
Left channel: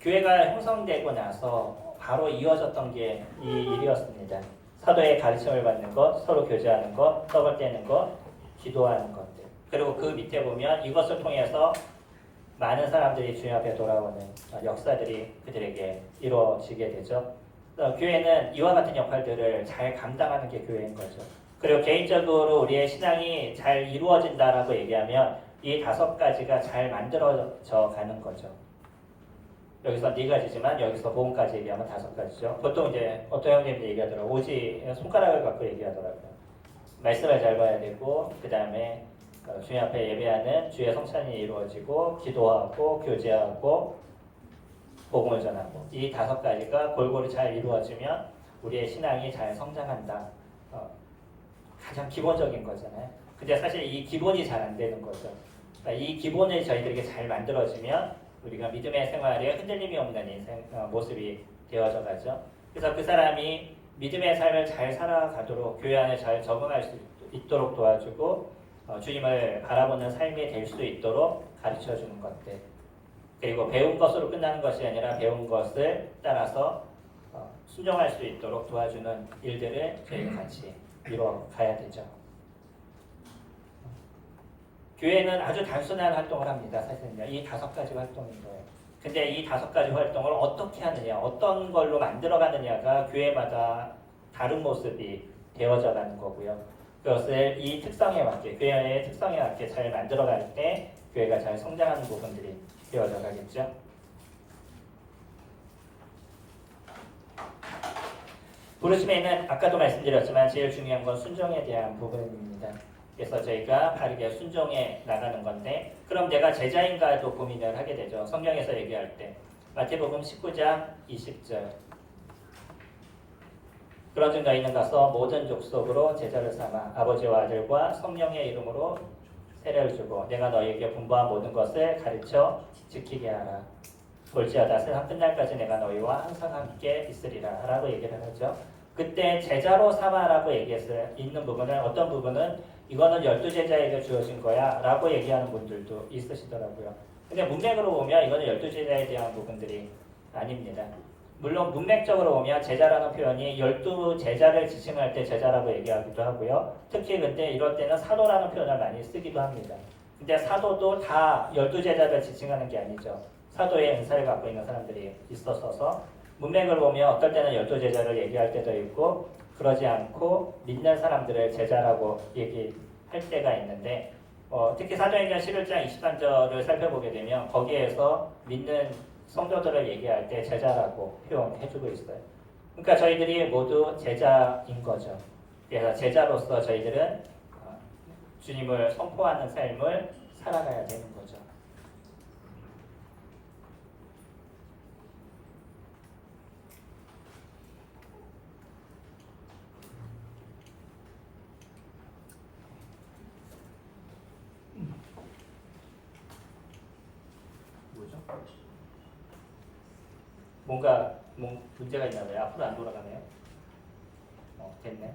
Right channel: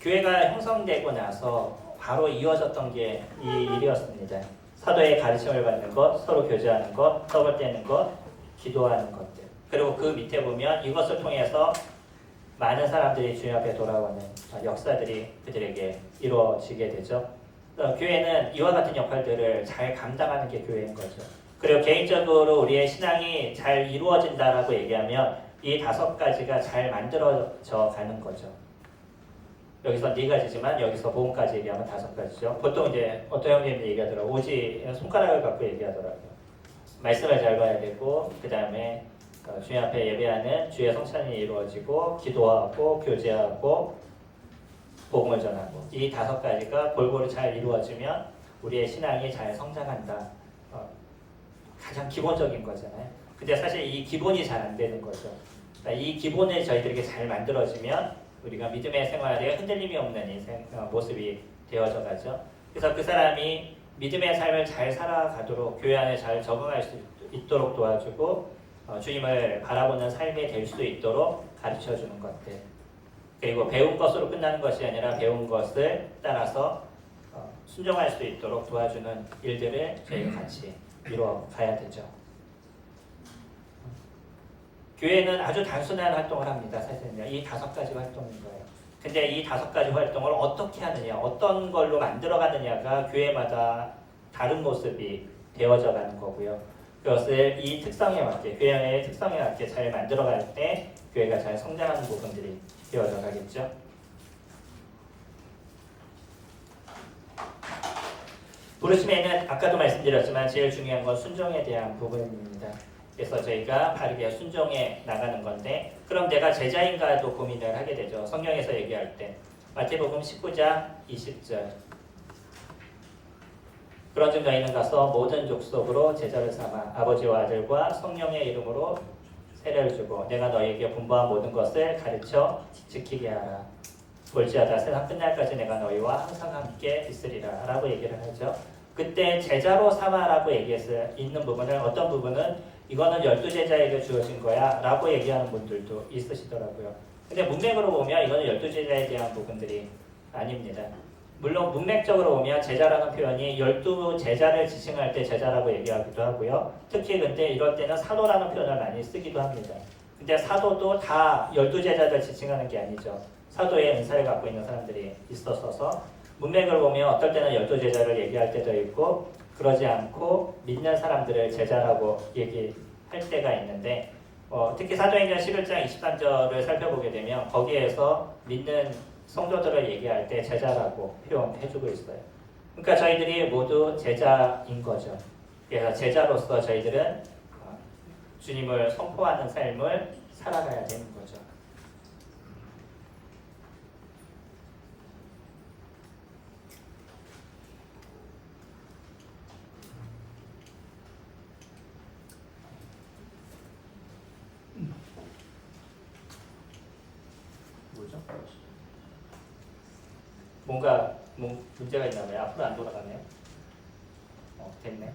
교회가 형성되고 나서 바로 이어졌던 게 이 일이었습니다. 사도의 가르침을 받는 것, 서로 교제하는 것, 떡을 떼는 것, 기도하는 것들. 그리고 그 밑에 보면 이것을 통해서 많은 사람들이 주님 앞에 돌아오는 역사들이 그들에게 이루어지게 되죠. 교회는 이와 같은 역할들을 잘 감당하는 게 교회인 거죠. 그리고 개인적으로 우리의 신앙이 잘 이루어진다라고 얘기하면 이 5가지가 잘 만들어져 가는 거죠. 여기서 4가지지만 여기서 복음까지 얘기하면 5가지죠. 보통 이제 어떤 형님이 얘기하더라고요. 오지 손가락을 갖고 얘기하더라고요. 말씀을 잘 봐야 되고 그 다음에 주님 앞에 예배하는 주의 성찬이 이루어지고 기도하고 교제하고 복음을 전하고 이 5가지가 골고루 잘 이루어지면 우리의 신앙이 잘 성장한다. 가장 기본적인 거잖아요. 근데 사실 이 기본이 잘 안 되는 거죠. 그러니까 이 기본을 저희들에게 잘 만들어지면 우리가 믿음의 생활에 흔들림이 없는 인생 모습이 되어져 가죠. 그래서 그 사람이 믿음의 삶을 잘 살아가도록 교회 안에 잘 적응할 수 있도록 도와주고 주님을 바라보는 삶이 될 수 있도록 가르쳐주는 것들. 그리고 배운 것으로 끝나는 것이 아니라 배운 것을 따라서 순종할 수 있도록 도와주는 일들을 저희가 같이 이루어 가야 되죠. 교회는 아주 단순한 활동을 합니다. 사실은요. 이 5가지 활동인 거예요. 근데 이 5가지 활동을 어떻게 하느냐, 어떤 걸로 만들어가느냐가 교회마다 다른 모습이 되어져 가는 거고요. 그것을 이 특성에 맞게, 교회의 특성에 맞게 잘 만들어갈 때 교회가 잘 성장하는 부분들이 되어져 가겠죠. 부르심에는 아까도 말씀드렸지만 제일 중요한 건 순종에 대한 부분입니다. 그래서 저희가 바르게 순종해 나가는 건데, 그럼 내가 제자인가도 고민을 하게 되죠. 성경에서 얘기할 때 마태복음 19장 20절, 그런즉 너희는 가서 모든 족속으로 제자를 삼아 아버지와 아들과 성령의 이름으로 세례를 주고 내가 너희에게 분부한 모든 것을 가르쳐 지키게 하라. 볼지어다 세상 끝날까지 내가 너희와 항상 함께 있으리라 라고 얘기를 하죠. 그때 제자로 삼아라고 얘기해서 있는 부분은, 어떤 부분은 이거는 12제자에게 주어진 거야 라고 얘기하는 분들도 있으시더라고요. 근데 문맥으로 보면 이거는 12제자에 대한 부분들이 아닙니다. 물론 문맥적으로 보면 제자라는 표현이 12제자를 지칭할 때 제자라고 얘기하기도 하고요. 특히 근데 이럴 때는 사도라는 표현을 많이 쓰기도 합니다. 근데 사도도 다 12제자를 지칭하는 게 아니죠. 사도의 은사를 갖고 있는 사람들이 있었어서 문맥을 보면 어떨 때는 12제자를 얘기할 때도 있고 그러지 않고 믿는 사람들을 제자라고 얘기할 때가 있는데 특히 사도행전 11장 23절을 살펴보게 되면 거기에서 믿는 성도들을 얘기할 때 제자라고 표현해주고 있어요. 그러니까 저희들이 모두 제자인 거죠. 그래서 제자로서 저희들은 주님을 선포하는 삶을 살아가야 되는 거죠. 뭐죠? 뭔가 문제가 있나 봐요. 앞으로 안 돌아가네요. 됐네.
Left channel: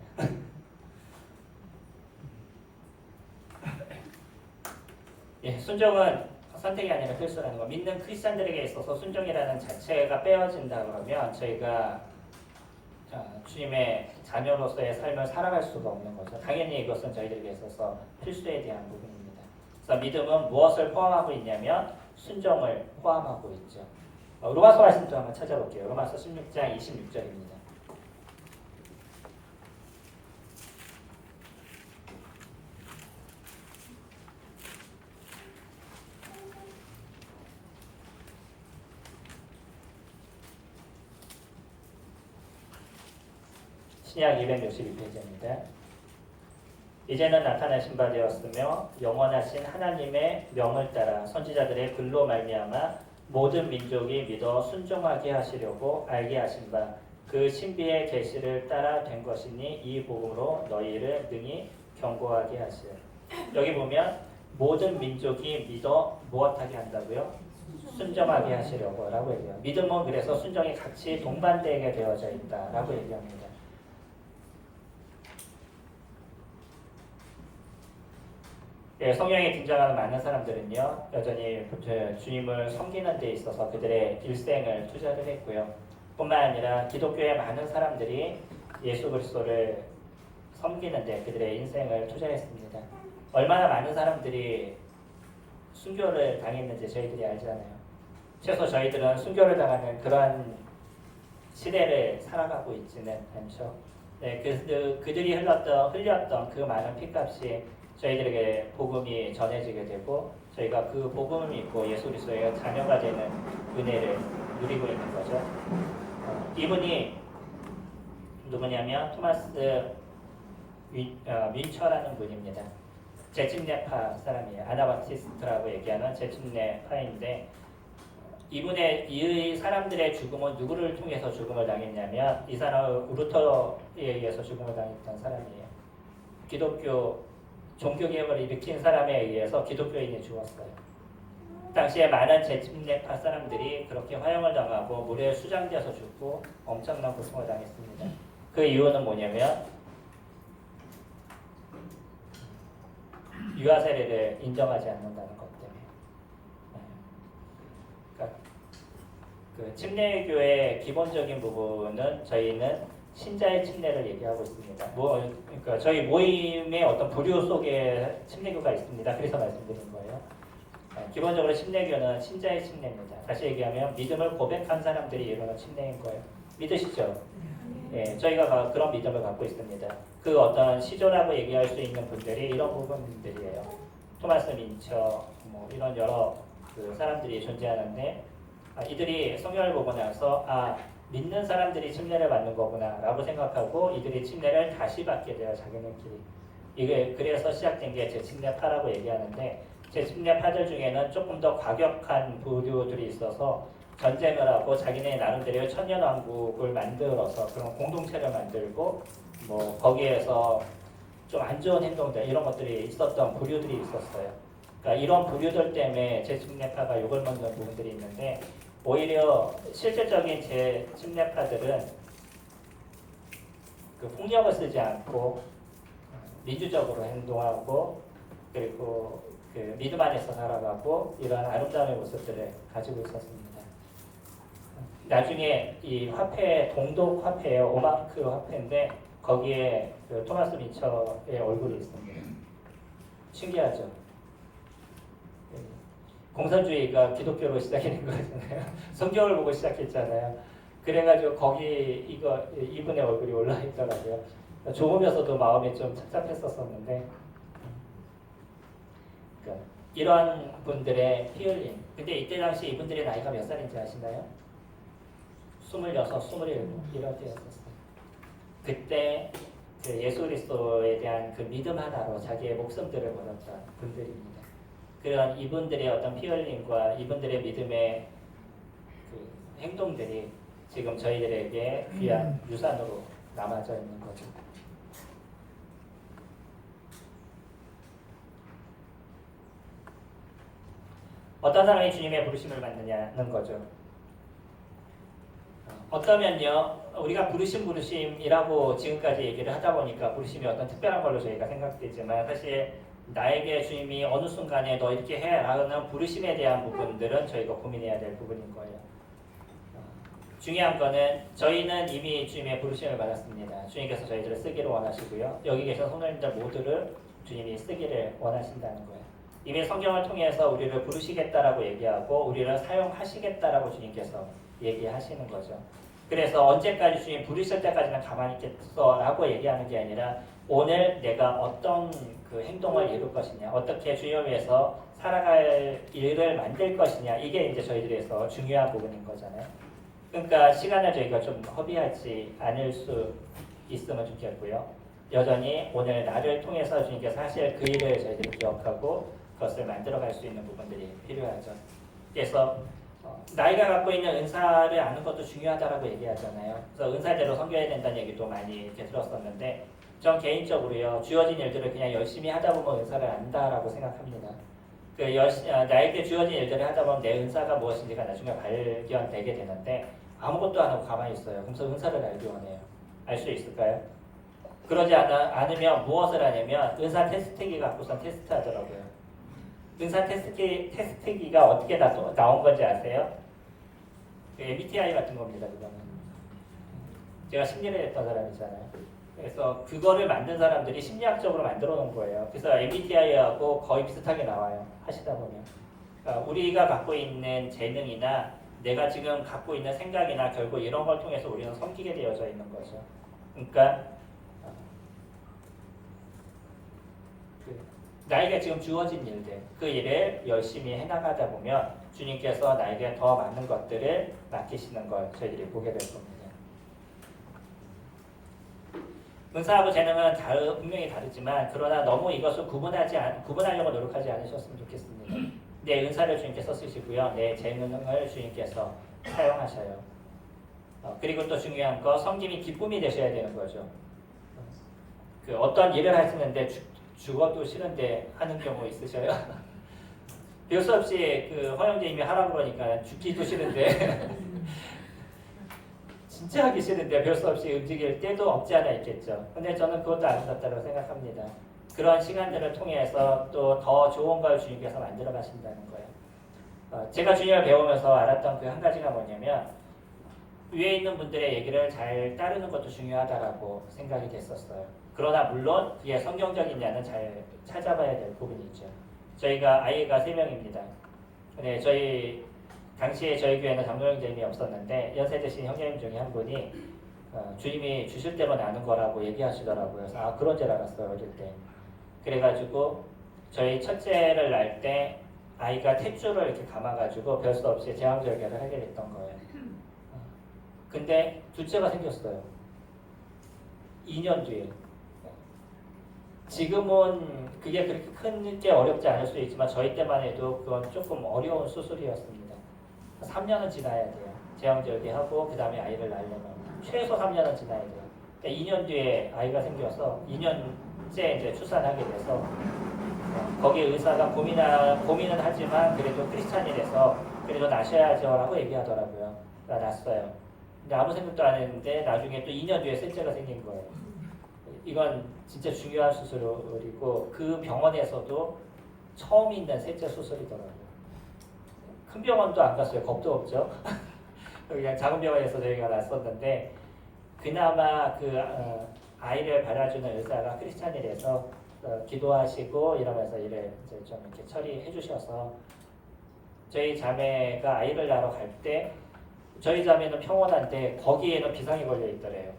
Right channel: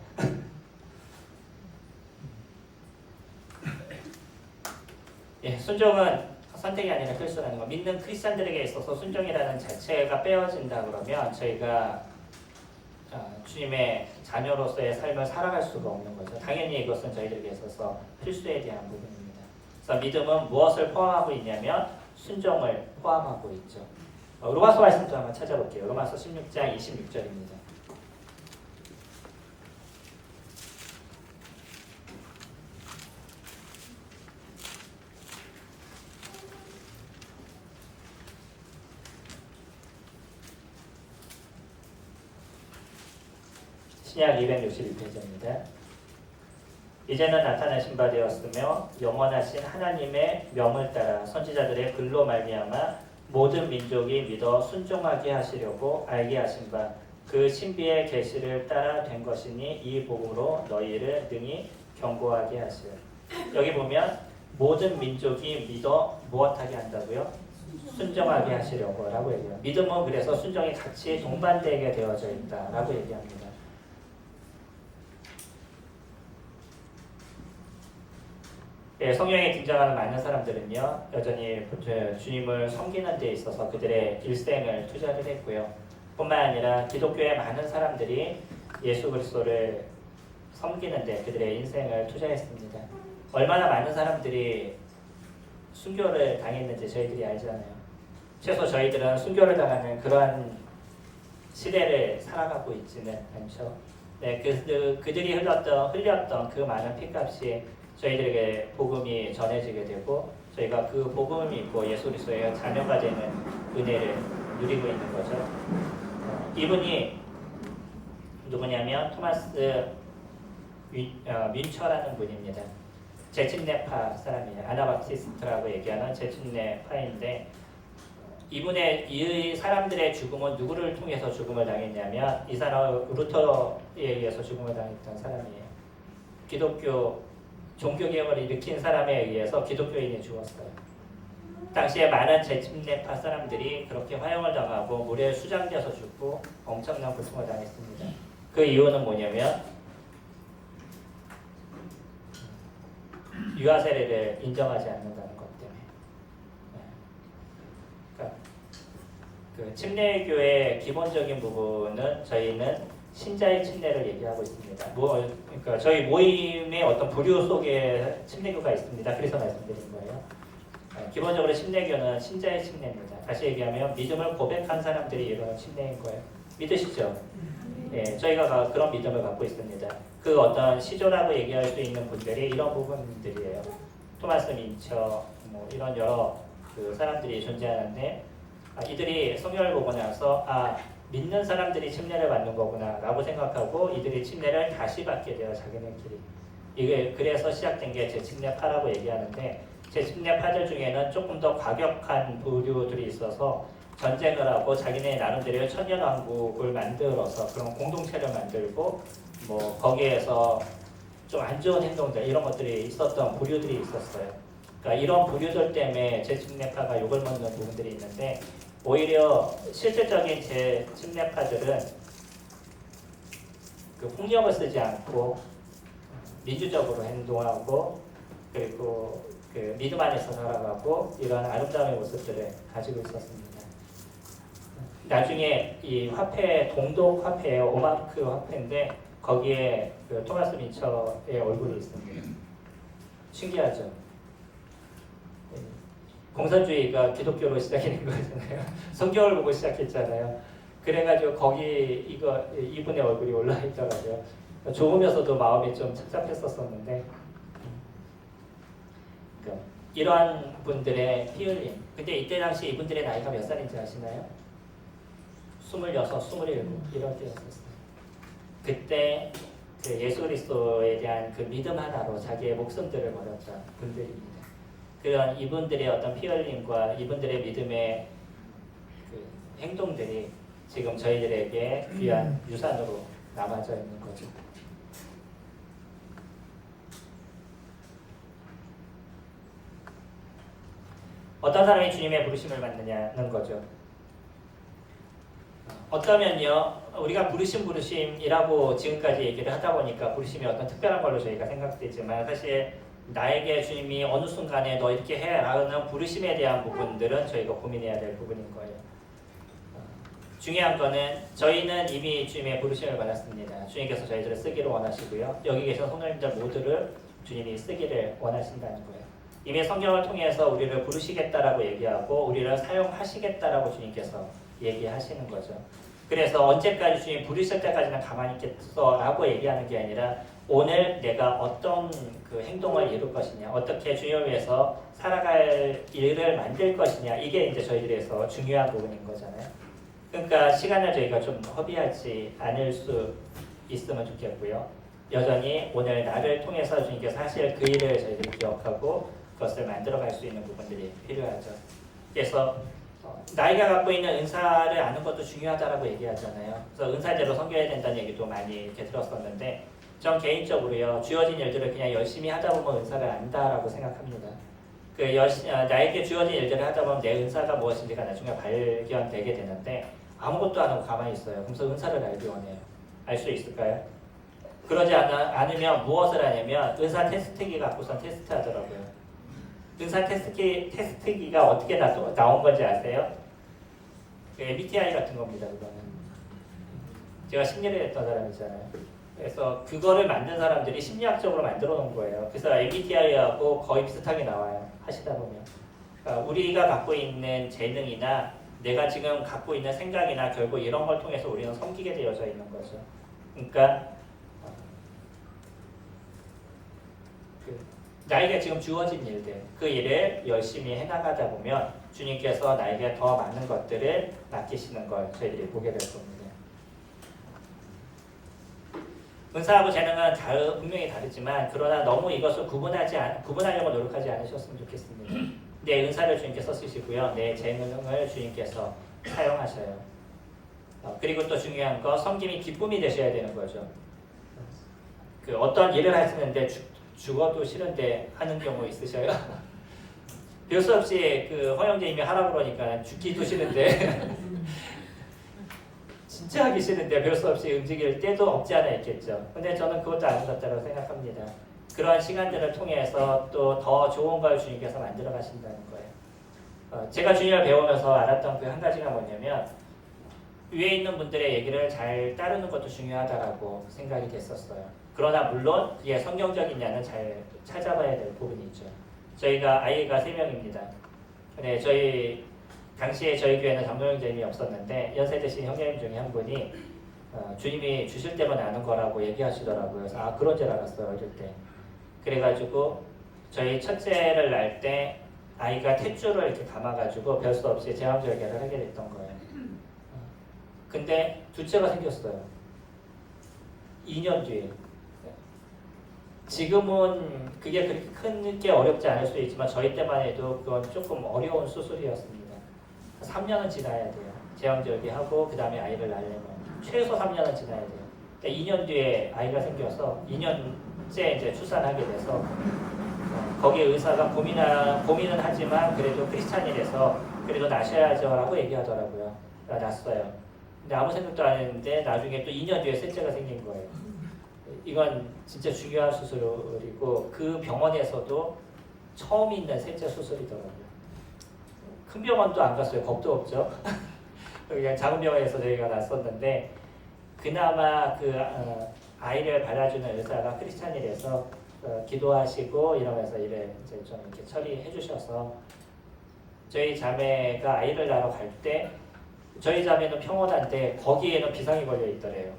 예, 순종은 선택이 아니라 필수라는 거. 믿는 크리스천들에게 있어서 순종이라는 자체가 빼어진다 그러면 저희가 주님의 자녀로서의 삶을 살아갈 수가 없는 거죠. 당연히 이것은 저희들에게 있어서 필수에 대한 부분입니다. 그래서 믿음은 무엇을 포함하고 있냐면 순종을 포함하고 있죠. 로마서 말씀도 한번 찾아볼게요. 로마서 16장 26절입니다. 신약 262페이지입니다. 이제는 나타나신 바 되었으며 영원하신 하나님의 명을 따라 선지자들의 글로 말미암아 모든 민족이 믿어 순종하게 하시려고 알게 하신 바 그 신비의 계시를 따라 된 것이니 이 복음으로 너희를 능히 경고하게 하시오. 여기 보면 모든 민족이 믿어 무엇하게 한다고요? 순종하게 하시려고 라고 얘기해요. 믿음은 그래서 순종이 같이 동반되게 되어져 있다라고 얘기합니다. 예, 성경에 등장하는 많은 사람들은요 여전히 주님을 섬기는 데 있어서 그들의 일생을 투자를 했고요. 뿐만 아니라 기독교의 많은 사람들이 예수 그리스도를 섬기는 데 그들의 인생을 투자했습니다. 얼마나 많은 사람들이 순교를 당했는지 저희들이 알잖아요. 최소 저희들은 순교를 당하는 그런 시대를 살아가고 있지는 않죠. 네, 그들이 흘렸던 그 많은 피값이 저희들에게 복음이 전해지게 되고 저희가 그 복음을 믿고 예수 그리스도의 자녀가 되는 은혜를 누리고 있는 거죠. 이분이 누구냐면 토마스 윈처라는 분입니다. 제침내파 사람이에요. 아나바티스트라고 얘기하는 제침내파인데 이 사람들의 죽음은 누구를 통해서 죽음을 당했냐면 이 사람은 루터에 의해서 죽음을 당했던 사람이에요. 기독교 종교개혁을 일으킨 사람에 의해서 기독교인이 죽었어요. 당시에 많은 재침례파 사람들이 그렇게 화형을 당하고 물에 수장되어서 죽고 엄청난 고통을 당했습니다. 그 이유는 뭐냐면 유아 세례를 인정하지 않는다는 것 때문에. 그러니까 그 침례교의 기본적인 부분은 저희는 신자의 침례를 얘기하고 있습니다. 그러니까 저희 모임의 어떤 부류 속에 침례교가 있습니다. 그래서 말씀드린 거예요. 기본적으로 침례교는 신자의 침례입니다. 다시 얘기하면 믿음을 고백한 사람들이 이루는 침례인 거예요. 믿으시죠? 예, 저희가 그런 믿음을 갖고 있습니다. 그 어떤 시조라고 얘기할 수 있는 분들이 이런 부분들이에요. 토마스 민처, 뭐 이런 여러 그 사람들이 존재하는데 이들이 성경을 보고 나서 믿는 사람들이 침례를 받는 거구나 라고 생각하고 이들이 침례를 다시 받게 돼요. 자기네끼리. 이게 그래서 시작된 게 재침례파라고 얘기하는데 재침례파들 중에는 조금 더 과격한 부류들이 있어서 전쟁을 하고 자기네 나름대로 천년왕국을 만들어서 그런 공동체를 만들고 뭐 거기에서 좀 안 좋은 행동들 이런 것들이 있었던 부류들이 있었어요. 그러니까 이런 부류들 때문에 재침례파가 욕을 먹는 부분들이 있는데 오히려 실질적인 재침례파들은 그 폭력을 쓰지 않고 민주적으로 행동하고 그리고 그 믿음 안에서 살아가고 이런 아름다운 모습들을 가지고 있었습니다. 나중에 이 화폐 동독 화폐예요. 오마크 화폐인데 거기에 그 토마스 민처의 얼굴이 있습니다. 신기하죠? 공산주의가 기독교로 시작이 된 거잖아요. 성경을 보고 시작했잖아요. 그래가지고 거기 이분의 얼굴이 올라 있더라고요. 조금이어서도 마음이 좀 착잡했었었는데 그러니까 이러한 분들의 피 흘림. 근데 이때 당시 이분들의 나이가 몇 살인지 아시나요? 26, 27 이런 때였었어요. 그때 그 예수 그리스도에 대한 그 믿음 하나로 자기의 목숨들을 걸었던 분들입니다. 그런 이분들의 어떤 피 흘림과 이분들의 믿음의 그 행동들이 지금 저희들에게 귀한 유산으로 남아져 있는 거죠. 어떤 사람이 주님의 부르심을 받느냐는 거죠. 어떠면요, 우리가 부르심이라고 지금까지 얘기를 하다 보니까 부르심이 어떤 특별한 걸로 저희가 생각되지만 사실 나에게 주님이 어느 순간에 너 이렇게 해 라는 부르심에 대한 부분들은 저희가 고민해야 될 부분인 거예요. 중요한 거는 저희는 이미 주님의 부르심을 받았습니다. 주님께서 저희들을 쓰기를 원하시고요. 여기 계신 성도님들 모두를 주님이 쓰기를 원하신다는 거예요. 이미 성경을 통해서 우리를 부르시겠다라고 얘기하고 우리를 사용하시겠다라고 주님께서 얘기하시는 거죠. 그래서 언제까지 주님 부르실 때까지는 가만히 있겠어라고 얘기하는 게 아니라 오늘 내가 어떤 그 행동을 이룰 것이냐, 어떻게 주님을 위해서 살아갈 일을 만들 것이냐, 이게 이제 저희들에서 중요한 부분인 거잖아요. 그러니까 시간을 저희가 좀 허비하지 않을 수 있으면 좋겠고요. 여전히 오늘 나를 통해서 주님께서 하실 그 일을 저희들이 기억하고 그것을 만들어갈 수 있는 부분들이 필요하죠. 그래서 나이가 갖고 있는 은사를 아는 것도 중요하다라고 얘기하잖아요. 그래서 은사대로 섬겨야 된다는 얘기도 많이 이렇게 들었었는데 전 개인적으로요, 주어진 일들을 그냥 열심히 하다 보면 은사를 안다라고 생각합니다. 나에게 주어진 일들을 하다 보면 내 은사가 무엇인지가 나중에 발견되게 되는데 아무것도 안 하고 가만히 있어요. 그래서 은사를 알기 원해요. 알 수 있을까요? 그러지 않으면 무엇을 하냐면 은사 테스트기 갖고선 테스트 하더라고요. 은사 테스트기가 어떻게 나온 건지 아세요? MBTI 같은 겁니다. 그거는. 제가 심리를 했던 사람이잖아요. 그래서 그거를 만든 사람들이 심리학적으로 만들어 놓은 거예요. 그래서 MBTI하고 거의 비슷하게 나와요. 하시다 보면. 그러니까 우리가 갖고 있는 재능이나 내가 지금 갖고 있는 생각이나 결국 이런 걸 통해서 우리는 섬기게 되어져 있는 거죠. 그러니까 나에게 지금 주어진 일들, 그 일을 열심히 해나가다 보면 주님께서 나에게 더 많은 것들을 맡기시는 걸 저희들이 보게 될 겁니다. 은사하고 재능은 분명히 다르지만 그러나 너무 이것을 구분하려고 노력하지 않으셨으면 좋겠습니다. 내 은사를 주님께서 쓰시고요. 내 재능을 주님께서 사용하셔요. 그리고 또 중요한 거 섬김이 기쁨이 되셔야 되는 거죠. 그 어떤 일을 하시는데 죽어도 싫은데 하는 경우 있으셔요? 별 수 없이 그 허영재님이 하라고 그러니까 죽기도 싫은데 진짜 하기 싫은데 별 수 없이 움직일 때도 없지 않아 있겠죠. 근데 저는 그것도 아름답다고 생각합니다. 그러한 시간들을 통해서 또 더 좋은 걸 주님께서 만들어 가신다는 거예요. 제가 주님을 배우면서 알았던 그 한 가지가 뭐냐면 위에 있는 분들의 얘기를 잘 따르는 것도 중요하다라고 생각이 됐었어요. 그러나 물론 그게 성경적이냐는 잘 찾아봐야 될 부분이 있죠. 저희가 아이가 3명입니다. 근데 당시에 저희 교회는 장로형제님이 없었는데 연세 드신 형제님 중에 한 분이 주님이 주실 대로 나는 거라고 얘기하시더라고요. 그래서 그런 줄 알았어요, 어릴 때. 그래가지고 저희 첫째를 낳을 때 아이가 탯줄을 이렇게 감아가지고 별 수 없이 제왕절개를 하게 됐던 거예요. 근데 둘째가 생겼어요. 2년 뒤에. 지금은 그게 그렇게 크게 어렵지 않을 수 있지만 저희 때만 해도 그건 조금 어려운 수술이었습니다. 3년은 지나야 돼요. 제왕절개하고 그 다음에 아이를 낳으려면 최소 3년은 지나야 돼요. 2년 뒤에 아이가 생겨서 2년째 이제 출산하게 돼서 거기 의사가 고민은 하지만 그래도 크리스찬이라서 그래도 나셔야죠라고 얘기하더라고요. 낳았어요. 근데 아무 생각도 안 했는데 나중에 또 2년 뒤에 셋째가 생긴 거예요. 이건 진짜 중요한 수술이고 그 병원에서도 처음 있는 셋째 수술이더라고요. 큰 병원도 안 갔어요. 겁도 없죠. 그냥 작은 병원에서 저희가 났었는데 그나마 그 아이를 받아주는 의사가 크리스찬이라서 기도하시고 이러면서 일을 이제 좀 이렇게 처리해 주셔서 저희 자매가 아이를 낳으러 갈 때 저희 자매는 평온한데 거기에는 비상이 걸려 있더래요.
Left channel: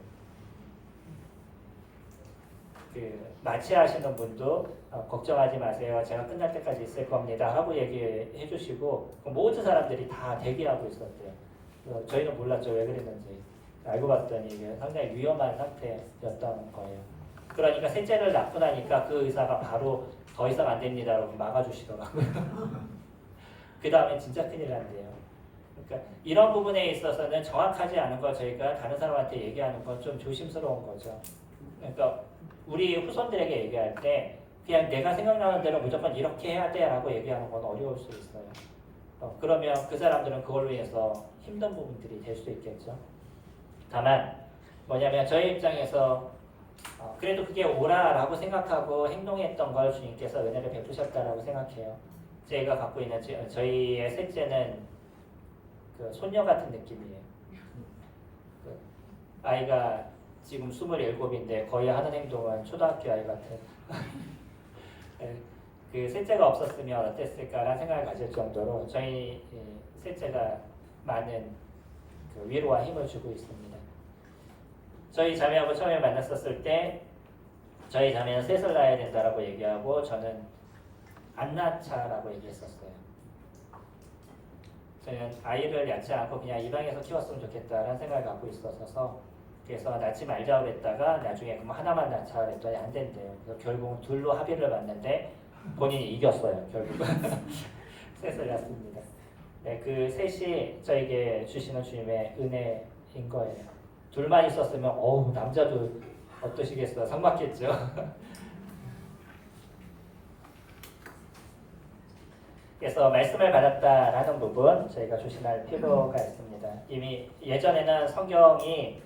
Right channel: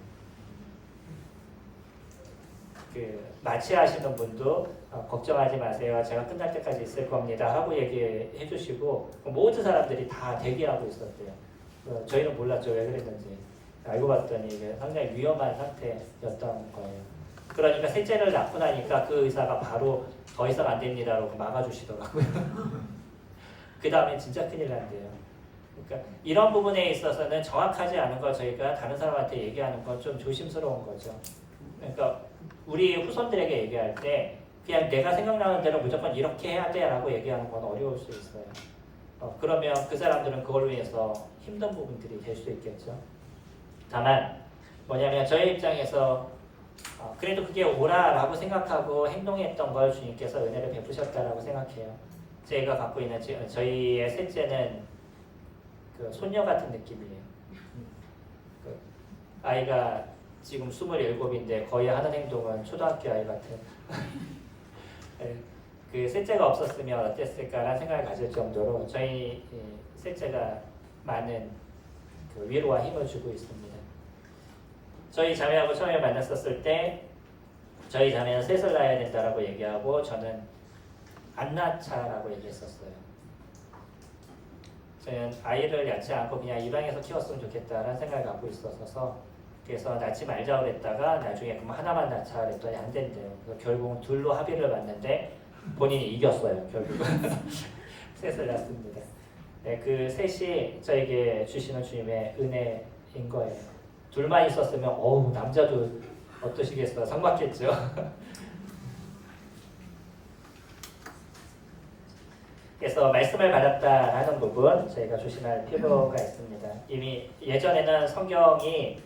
그 마취하시는 분도 걱정하지 마세요. 제가 끝날 때까지 있을 겁니다. 하고 얘기해 주시고 모든 사람들이 다 대기하고 있었대요. 저희는 몰랐죠. 왜 그랬는지. 알고 봤더니 이게 상당히 위험한 상태였던 거예요. 그러니까 셋째를 낳고 나니까 그 의사가 바로 더 이상 안 됩니다라고 막아주시더라고요. 그 다음에 진짜 큰일 난대요. 그러니까 이런 부분에 있어서는 정확하지 않은 걸 저희가 다른 사람한테 얘기하는 건 좀 조심스러운 거죠. 그러니까 우리 후손들에게 얘기할 때 그냥 내가 생각나는 대로 무조건 이렇게 해야 돼 라고 얘기하는 건 어려울 수 있어요. 그러면 그 사람들은 그걸로 인해서 힘든 부분들이 될 수 있겠죠. 다만 뭐냐면 저희 입장에서 그래도 그게 옳아라고 생각하고 행동했던 걸 주님께서 은혜를 베푸셨다라고 생각해요. 저희가 갖고 있는 저희의 셋째는 그 손녀 같은 느낌이에요. 그 아이가 지금 27인데 거의 하는 행동은 초등학교 아이 같은. 그 셋째가 없었으면 어땠을까라는 생각을 가질 정도로 저희 셋째가 많은 그 위로와 힘을 주고 있습니다. 저희 자매하고 처음에 만났었을 때 저희 자매는 셋을 낳아야 된다라고 얘기하고 저는 안 낳자라고 얘기했었어요. 저는 아이를 낳지 않고 그냥 입양해서 키웠으면 좋겠다라는 생각을 갖고 있었어서 그래서 낳지 말자고 그랬다가 나중에 그럼 하나만 낳자 그랬더니 안 된대요. 그래서 결국은 둘로 합의를 봤는데 본인이 이겼어요. 결국은 셋을 낳습니다. 네, 그 셋이 저에게 주시는 주님의 은혜인 거예요. 둘만 있었으면 어우 남자도 어떠시겠어요? 상막했죠. 그래서 말씀을 받았다라는 부분 저희가 조심할 필요가 있습니다. 이미 예전에는 성경이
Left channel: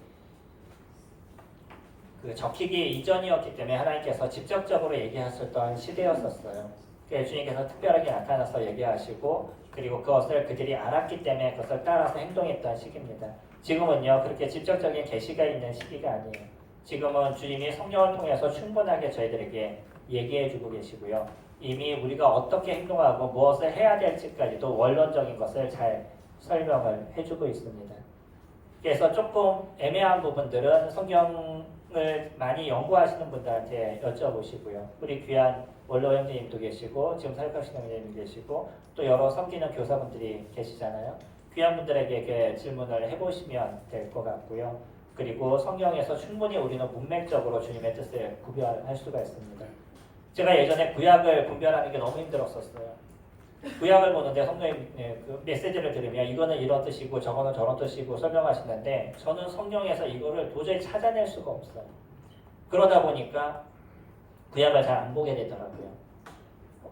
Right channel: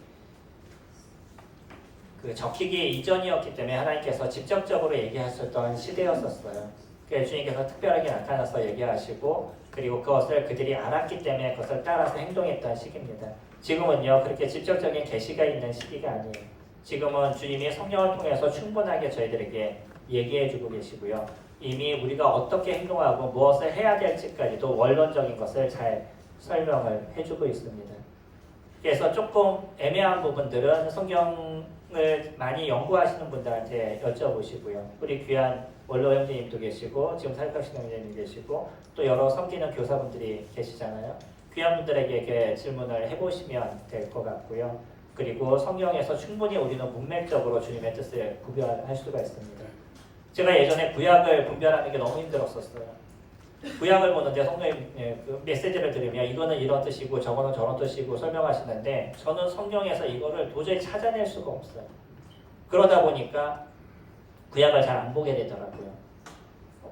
그 적히기 이전이었기 때문에 하나님께서 직접적으로 얘기하셨던 시대였었어요. 그래서 주님께서 특별하게 나타나서 얘기하시고 그리고 그것을 그들이 알았기 때문에 그것을 따라서 행동했던 시기입니다. 지금은요 그렇게 직접적인 계시가 있는 시기가 아니에요. 지금은 주님이 성령을 통해서 충분하게 저희들에게 얘기해주고 계시고요. 이미 우리가 어떻게 행동하고 무엇을 해야 될지까지도 원론적인 것을 잘 설명을 해주고 있습니다. 그래서 조금 애매한 부분들은 성경을 많이 연구하시는 분들한테 여쭤보시고요. 우리 귀한 원로 형제님도 계시고 지금 사역하시는 형제님 계시고 또 여러 섬기는 교사분들이 계시잖아요. 귀한 분들에게 질문을 해보시면 될 것 같고요. 그리고 성경에서 충분히 우리는 문맥적으로 주님의 뜻을 구별할 수가 있습니다. 제가 예전에 구약을 분별하는 게 너무 힘들었었어요. 구약을 보는데 성령의 그 메시지를 들으면 이거는 이런 뜻이고 저거는 저런 뜻이고 설명하시는데 저는 성령에서 이거를 도저히 찾아낼 수가 없어요. 그러다 보니까 구약을 잘 안 보게 되더라고요.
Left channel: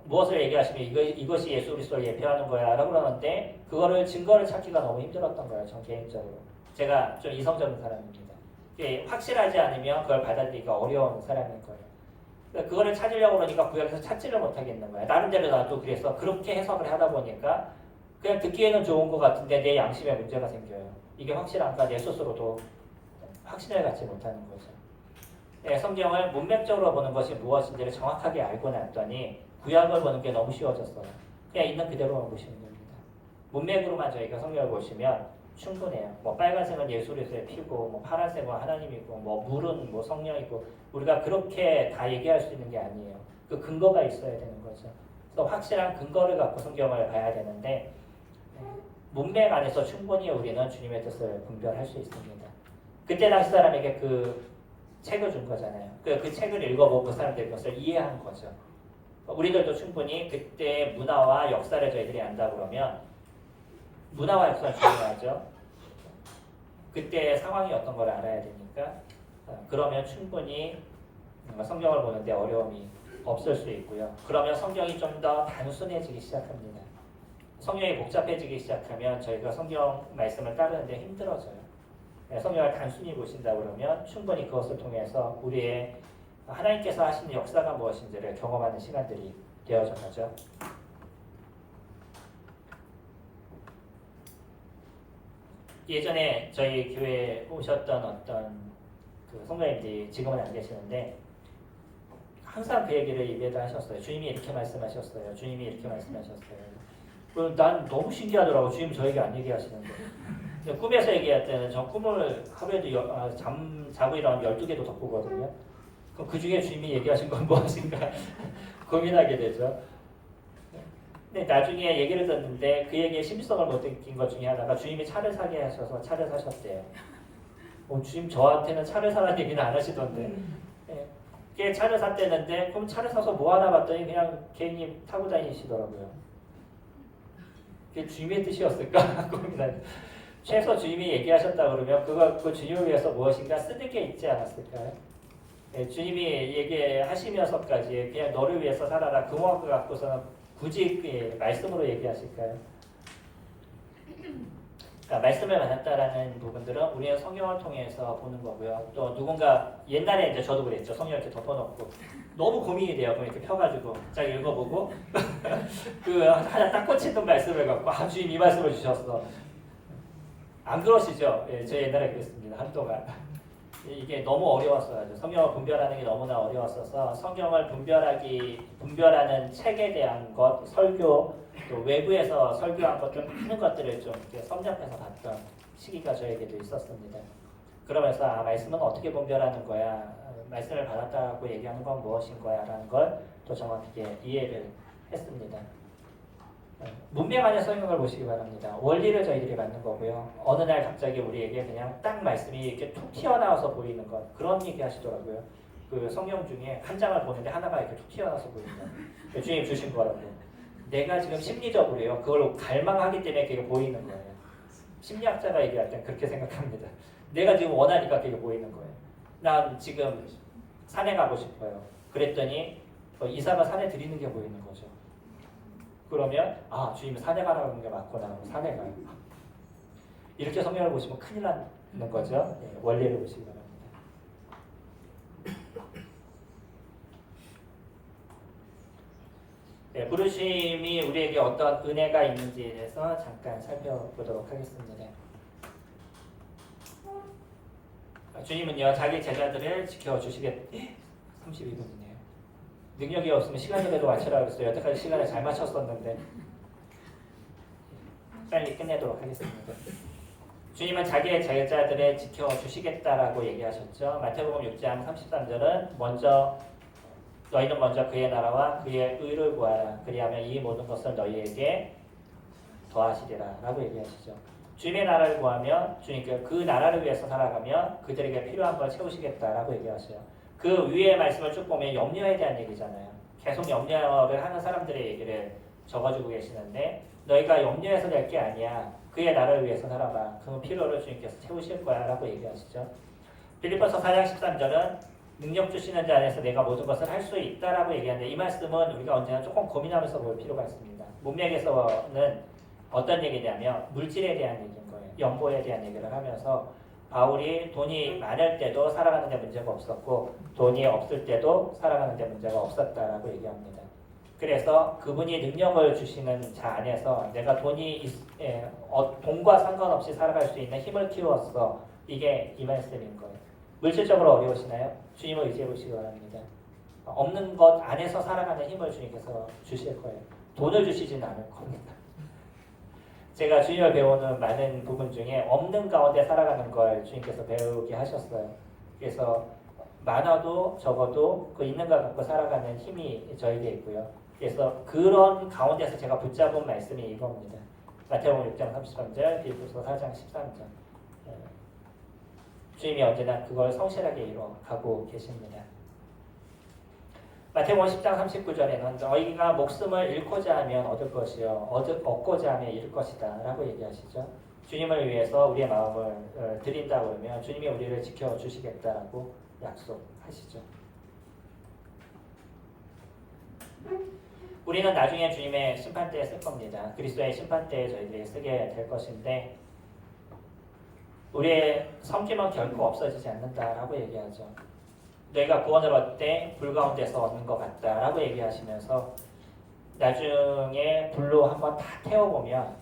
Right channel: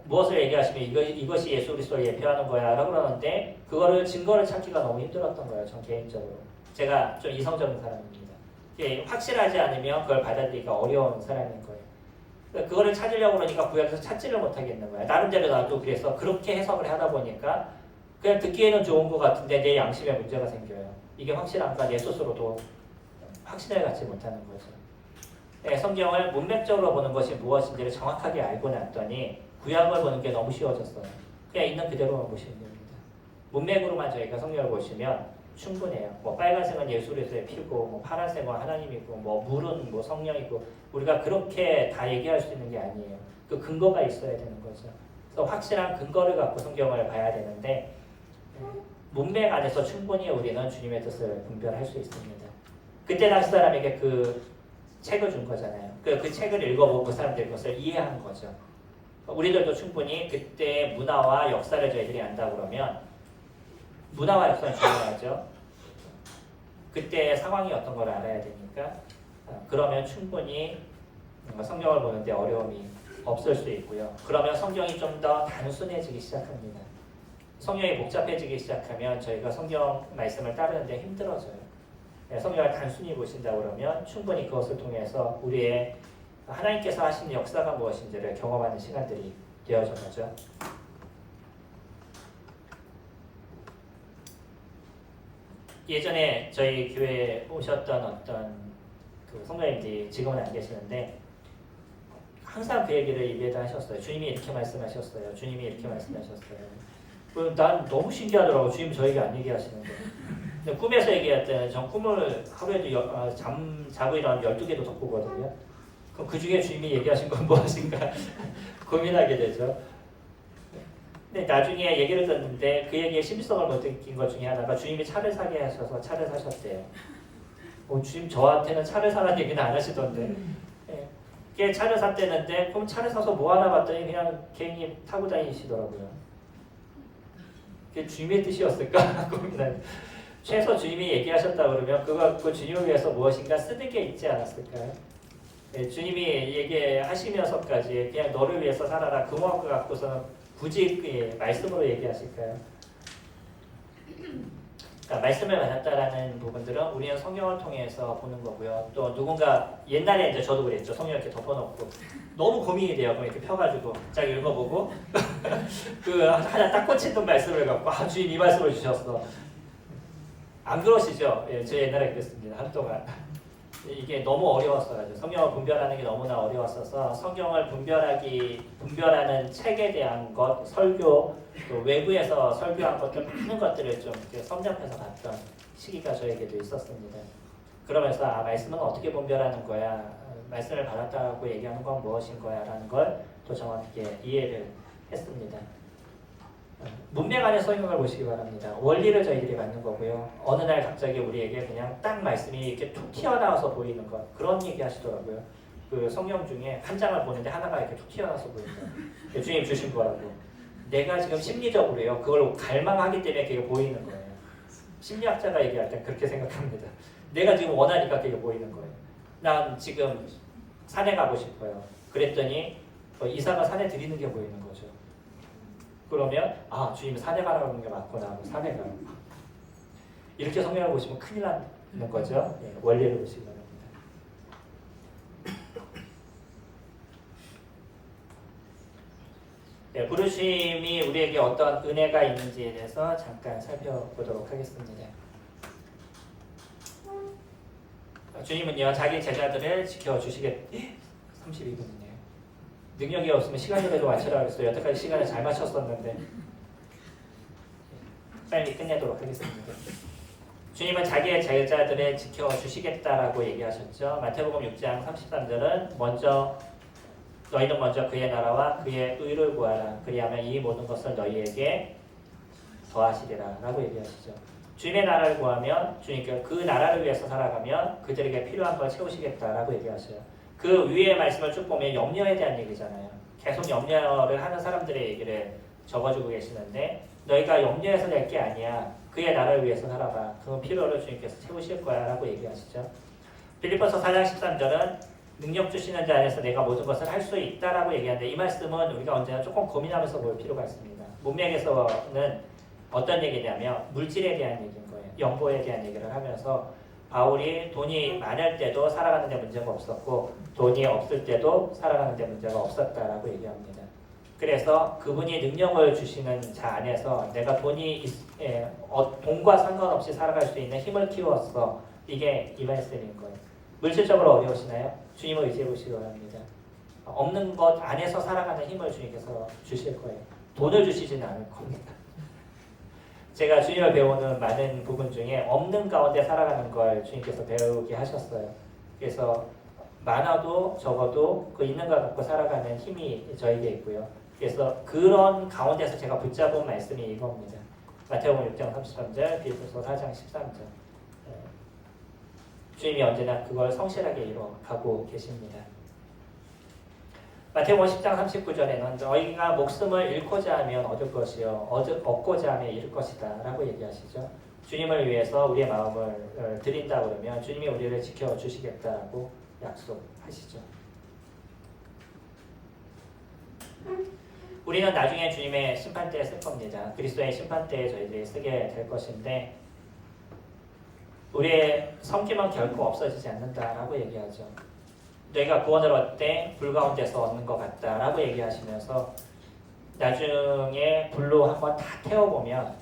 무엇을 얘기하시면 이것이 예수 그리스도를 예표하는 거야 라고 그러는데 그거를 증거를 찾기가 너무 힘들었던 거예요. 전 개인적으로. 제가 좀 이성적인 사람입니다. 확실하지 않으면 그걸 받아들이기가 어려운 사람인 거예요. 그러니까 그거를 찾으려고 그러니까 구약에서 찾지를 못하겠는 거예요. 나름대로 나도 그래서 그렇게 해석을 하다 보니까 그냥 듣기에는 좋은 것 같은데 내 양심에 문제가 생겨요. 이게 확실한가 내 스스로도 확신을 갖지 못하는 거죠. 네, 성경을 문맥적으로 보는 것이 무엇인지를 정확하게 알고 났더니 구약을 보는 게 너무 쉬워졌어요. 그냥 있는 그대로만 보시면 됩니다. 문맥으로만 저희가 성경을 보시면 충분해요. 뭐 빨간색은 예수 그리스도의 피고, 뭐 파란색은 하나님이고, 뭐 물은 뭐 성령이고, 우리가 그렇게 다 얘기할 수 있는 게 아니에요. 그 근거가 있어야 되는 거죠. 그래서 확실한 근거를 갖고 성경을 봐야 되는데 문맥 안에서 충분히 우리는 주님의 뜻을 분별할 수 있습니다. 그때 당시 사람에게 그 책을 준 거잖아요. 그 책을 읽어보고 그 사람들이 그것을 이해한 거죠. 우리들도 충분히 그때의 문화와 역사를 저희들이 안다 그러면 문화와 역사는 중요하죠. 그때의 상황이 어떤 걸 알아야 되니까 그러면 충분히 성경을 보는데 어려움이 없을 수 있고요. 그러면 성경이 좀 더 단순해지기 시작합니다. 성경이 복잡해지기 시작하면 저희가 성경 말씀을 따르는데 힘들어져요. 성경을 단순히 보신다 그러면 충분히 그것을 통해서 우리의 하나님께서 하신 역사가 무엇인지를 경험하는 시간들이 되어져 가죠. 예전에 저희 교회에 오셨던 어떤 그 성도님들이 지금은 안 계시는데 항상 그 얘기를 입에다 하셨어요. 주님이 이렇게 말씀하셨어요. 주님이 이렇게 말씀하셨어요. 난 너무 신기하더라고. 주님이 저에게 안 얘기하시는데. 근데 꿈에서 얘기할 때는 전 꿈을 하루에도 자고 일어나면 12개도 더 꾸거든요. 그럼 그 중에 주님이 얘기하신 건 무엇인가 고민하게 되죠. 근데 나중에 얘기를 듣는데 그 얘기에 심성을 못 느낀 것 중에 하나가 주님이 차를 사게 하셔서 차를 사셨대요. 주님 저한테는 차를 사라는 얘기는 안 하시던데. 걔 차를 샀대는데 그럼 차를 사서 뭐 하나 봤더니 그냥 개인이 타고 다니시더라고요. 그게 주님의 뜻이었을까 고민하는. 최소 주님이 얘기하셨다 그러면 그 주님을 위해서 무엇인가 쓰는 게 있지 않았을까요? 주님이 얘기하시면서까지 그냥 너를 위해서 살아라 그 마음 갖고서는 굳이 말씀으로 얘기하실까요? 그러니까 말씀을 받았다라는 부분들은 우리는 성경을 통해서 보는 거고요. 또 누군가 옛날에 이제 저도 그랬죠. 성경 이렇게 덮어놓고 너무 고민이 돼요. 그럼 이렇게 펴가지고 쫙 읽어보고 그 하나 딱 꽂히던 말씀을 갖고 주님 이 말씀을 주셨어. 안 그러시죠? 예, 제 옛날에 그랬습니다. 한동안. 이게 너무 어려웠어요. 성경을 분별하는 게 너무나 어려웠어서 성경을 분별하는 책에 대한 것, 설교, 또 외부에서 설교한 것들 많은 것들을 좀 이렇게 섭렵해서 봤던 시기가 저에게도 있었습니다. 그러면서 말씀은 어떻게 분별하는 거야? 말씀을 받았다고 얘기하는 건 무엇인 거야? 라는 걸 또 정확하게 이해를 했습니다. 문맥 안에 성경을 보시기 바랍니다. 원리를 저희들이 갖는 거고요. 어느 날 갑자기 우리에게 그냥 딱 말씀이 이렇게 툭 튀어나와서 보이는 것 그런 얘기 하시더라고요. 그 성경 중에 한 장을 보는데 하나가 이렇게 툭 튀어나와서 보인다. 주님 주신 거라고. 내가 지금 심리적으로요. 그걸 갈망하기 때문에 그게 보이는 거예요. 심리학자가 얘기할 땐 그렇게 생각합니다. 내가 지금 원하니까 그게 보이는 거예요. 난 지금 산에 가고 싶어요. 그랬더니 이사가 산에 들이는 게 보이는 거죠. 그러면 주님이 산에 가라고 하는 게 맞구나. 산에 가요. 이렇게 성경을 보시면 큰일 나는 거죠. 예, 원리를 보시기 바랍니다. 네, 부르심이 우리에게 어떤 은혜가 있는지에 대해서 잠깐 살펴보도록 하겠습니다. 주님은요 자기 제자들을 지켜주시겠 32분이네요. 능력이 없으면 시간대로 맞추라고 했어요. 여태까지 시간을 잘 맞췄었는데 빨리 끝내도록 하겠습니다. 주님은 자기의 제자들을 지켜주시겠다라고 얘기하셨죠. 마태복음 6장 33절은 너희는 먼저 그의 나라와 그의 의를 구하라. 그리하면 이 모든 것을 너희에게 더하시리라 라고 얘기하시죠. 주님의 나라를 구하면 주님께 그 나라를 위해서 살아가면 그들에게 필요한 걸 채우시겠다라고 얘기하셔요. 그 위의 말씀을 쭉 보면 염려에 대한 얘기잖아요. 계속 염려를 하는 사람들의 얘기를 적어주고 계시는데 너희가 염려해서 될 게 아니야. 그의 나를 위해서 살아봐. 그 필요를 주님께서 채우실 거야 라고 얘기하시죠. 빌립보서 4장 13절은 능력 주시는 자 안에서 내가 모든 것을 할 수 있다라고 얘기하는데 이 말씀은 우리가 언제나 조금 고민하면서 볼 필요가 있습니다. 문맥에서는 어떤 얘기냐면 물질에 대한 얘기인 거예요. 연보에 대한 얘기를 하면서 바울이 돈이 많을 때도 살아가는 데 문제가 없었고 돈이 없을 때도 살아가는 데 문제가 없었다라고 얘기합니다. 그래서 그분이 능력을 주시는 자 안에서 내가 돈과 상관없이 살아갈 수 있는 힘을 키웠어. 이게 이 말씀인 거예요. 물질적으로 어려우시나요? 주님을 의지해 보시기 바랍니다. 없는 것 안에서 살아가는 힘을 주님께서 주실 거예요. 돈을 주시지는 않을 겁니다. 제가 주님을 배우는 많은 부분 중에 없는 가운데 살아가는 걸 주님께서 배우게 하셨어요. 그래서 많아도 적어도 그 있는 걸 갖고 살아가는 힘이 저에게 있고요. 그래서 그런 가운데서 제가 붙잡은 말씀이 이겁니다. 마태복음 6장 33절, 빌립보서 4장 13절. 주님이 언제나 그걸 성실하게 이루어가고 계십니다. 마태복음 10장 39절에는 너희가 목숨을 잃고자 하면 얻을 것이요 얻고자 하면 잃을 것이다 라고 얘기하시죠. 주님을 위해서 우리의 마음을 드린다 그러면 주님이 우리를 지켜주시겠다라고 약속하시죠. 우리는 나중에 주님의 심판대에 쓸 겁니다. 그리스도의 심판대에 저희들이 쓰게 될 것인데 우리의 섬김은 결코 없어지지 않는다라고 얘기하죠. 너희가 구원을 얻되 불 가운데서 얻는 것 같다라고 얘기하시면서 나중에 불로 한번 다 태워보면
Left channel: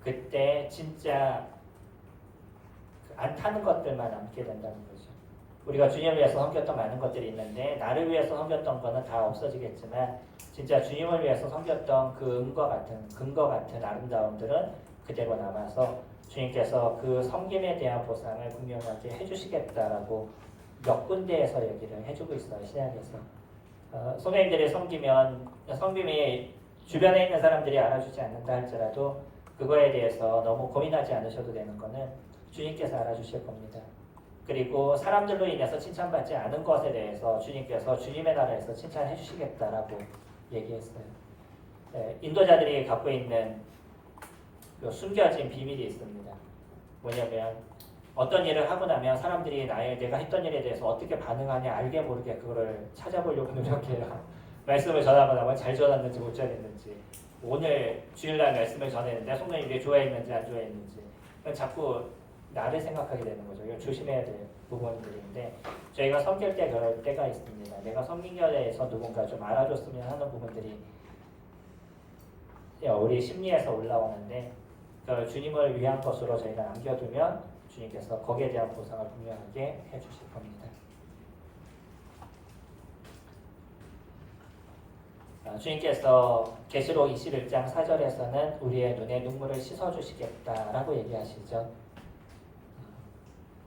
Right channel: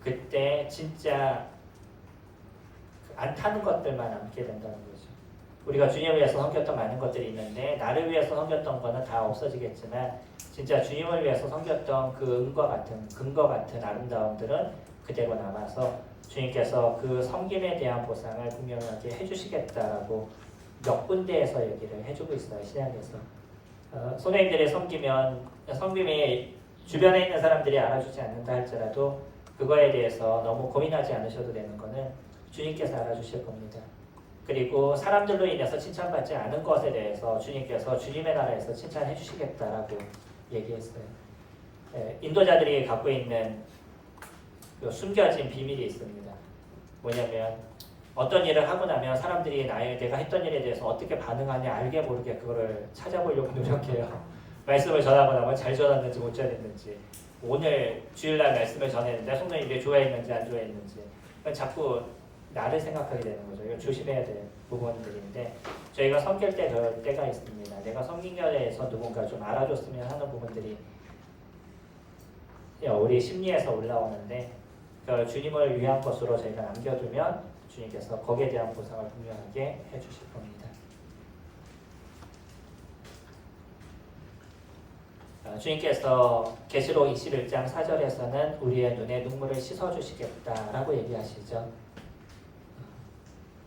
그때 진짜 안 타는 것들만 남게 된다는 거죠. 우리가 주님을 위해서 섬겼던 많은 것들이 있는데 나를 위해서 섬겼던 거는 다 없어지겠지만 진짜 주님을 위해서 섬겼던 그 은과 같은 근거 같은 아름다움들은 그대로 남아서 주님께서 그 섬김에 대한 보상을 분명하게 해주시겠다라고 몇 군데에서 얘기를 해주고 있어요. 신약에서. 선생님들이 섬김이 주변에 있는 사람들이 알아주지 않는다 할지라도 그거에 대해서 너무 고민하지 않으셔도 되는 거는 주님께서 알아주실 겁니다. 그리고 사람들로 인해서 칭찬받지 않은 것에 대해서 주님께서 주님의 나라에서 칭찬해 주시겠다라고 얘기했어요. 인도자들이 갖고 있는 숨겨진 비밀이 있습니다. 뭐냐면 어떤 일을 하고 나면 사람들이 내가 했던 일에 대해서 어떻게 반응하냐 알게 모르게 그거를 찾아보려고 노력해요. 말씀을 전하고 나면 잘 전했는지 못 전했는지 오늘 주일날 말씀을 전했는데 성도님들이 좋아했는지 안 좋아했는지 자꾸 나를 생각하게 되는 거죠. 이거 조심해야 될 부분들인데 저희가 섬길 때 그럴 때가 있습니다. 내가 섬긴 것에 대해서 누군가 좀 알아줬으면 하는 부분들이 우리 심리에서 올라오는데 그걸 주님을 위한 것으로 저희가 남겨두면 주님께서 거기에 대한 보상을 분명하게 해주실 겁니다. 주님께서 계시록 21장 4절에서는 우리의 눈에 눈물을 씻어주시겠다라고 얘기하시죠.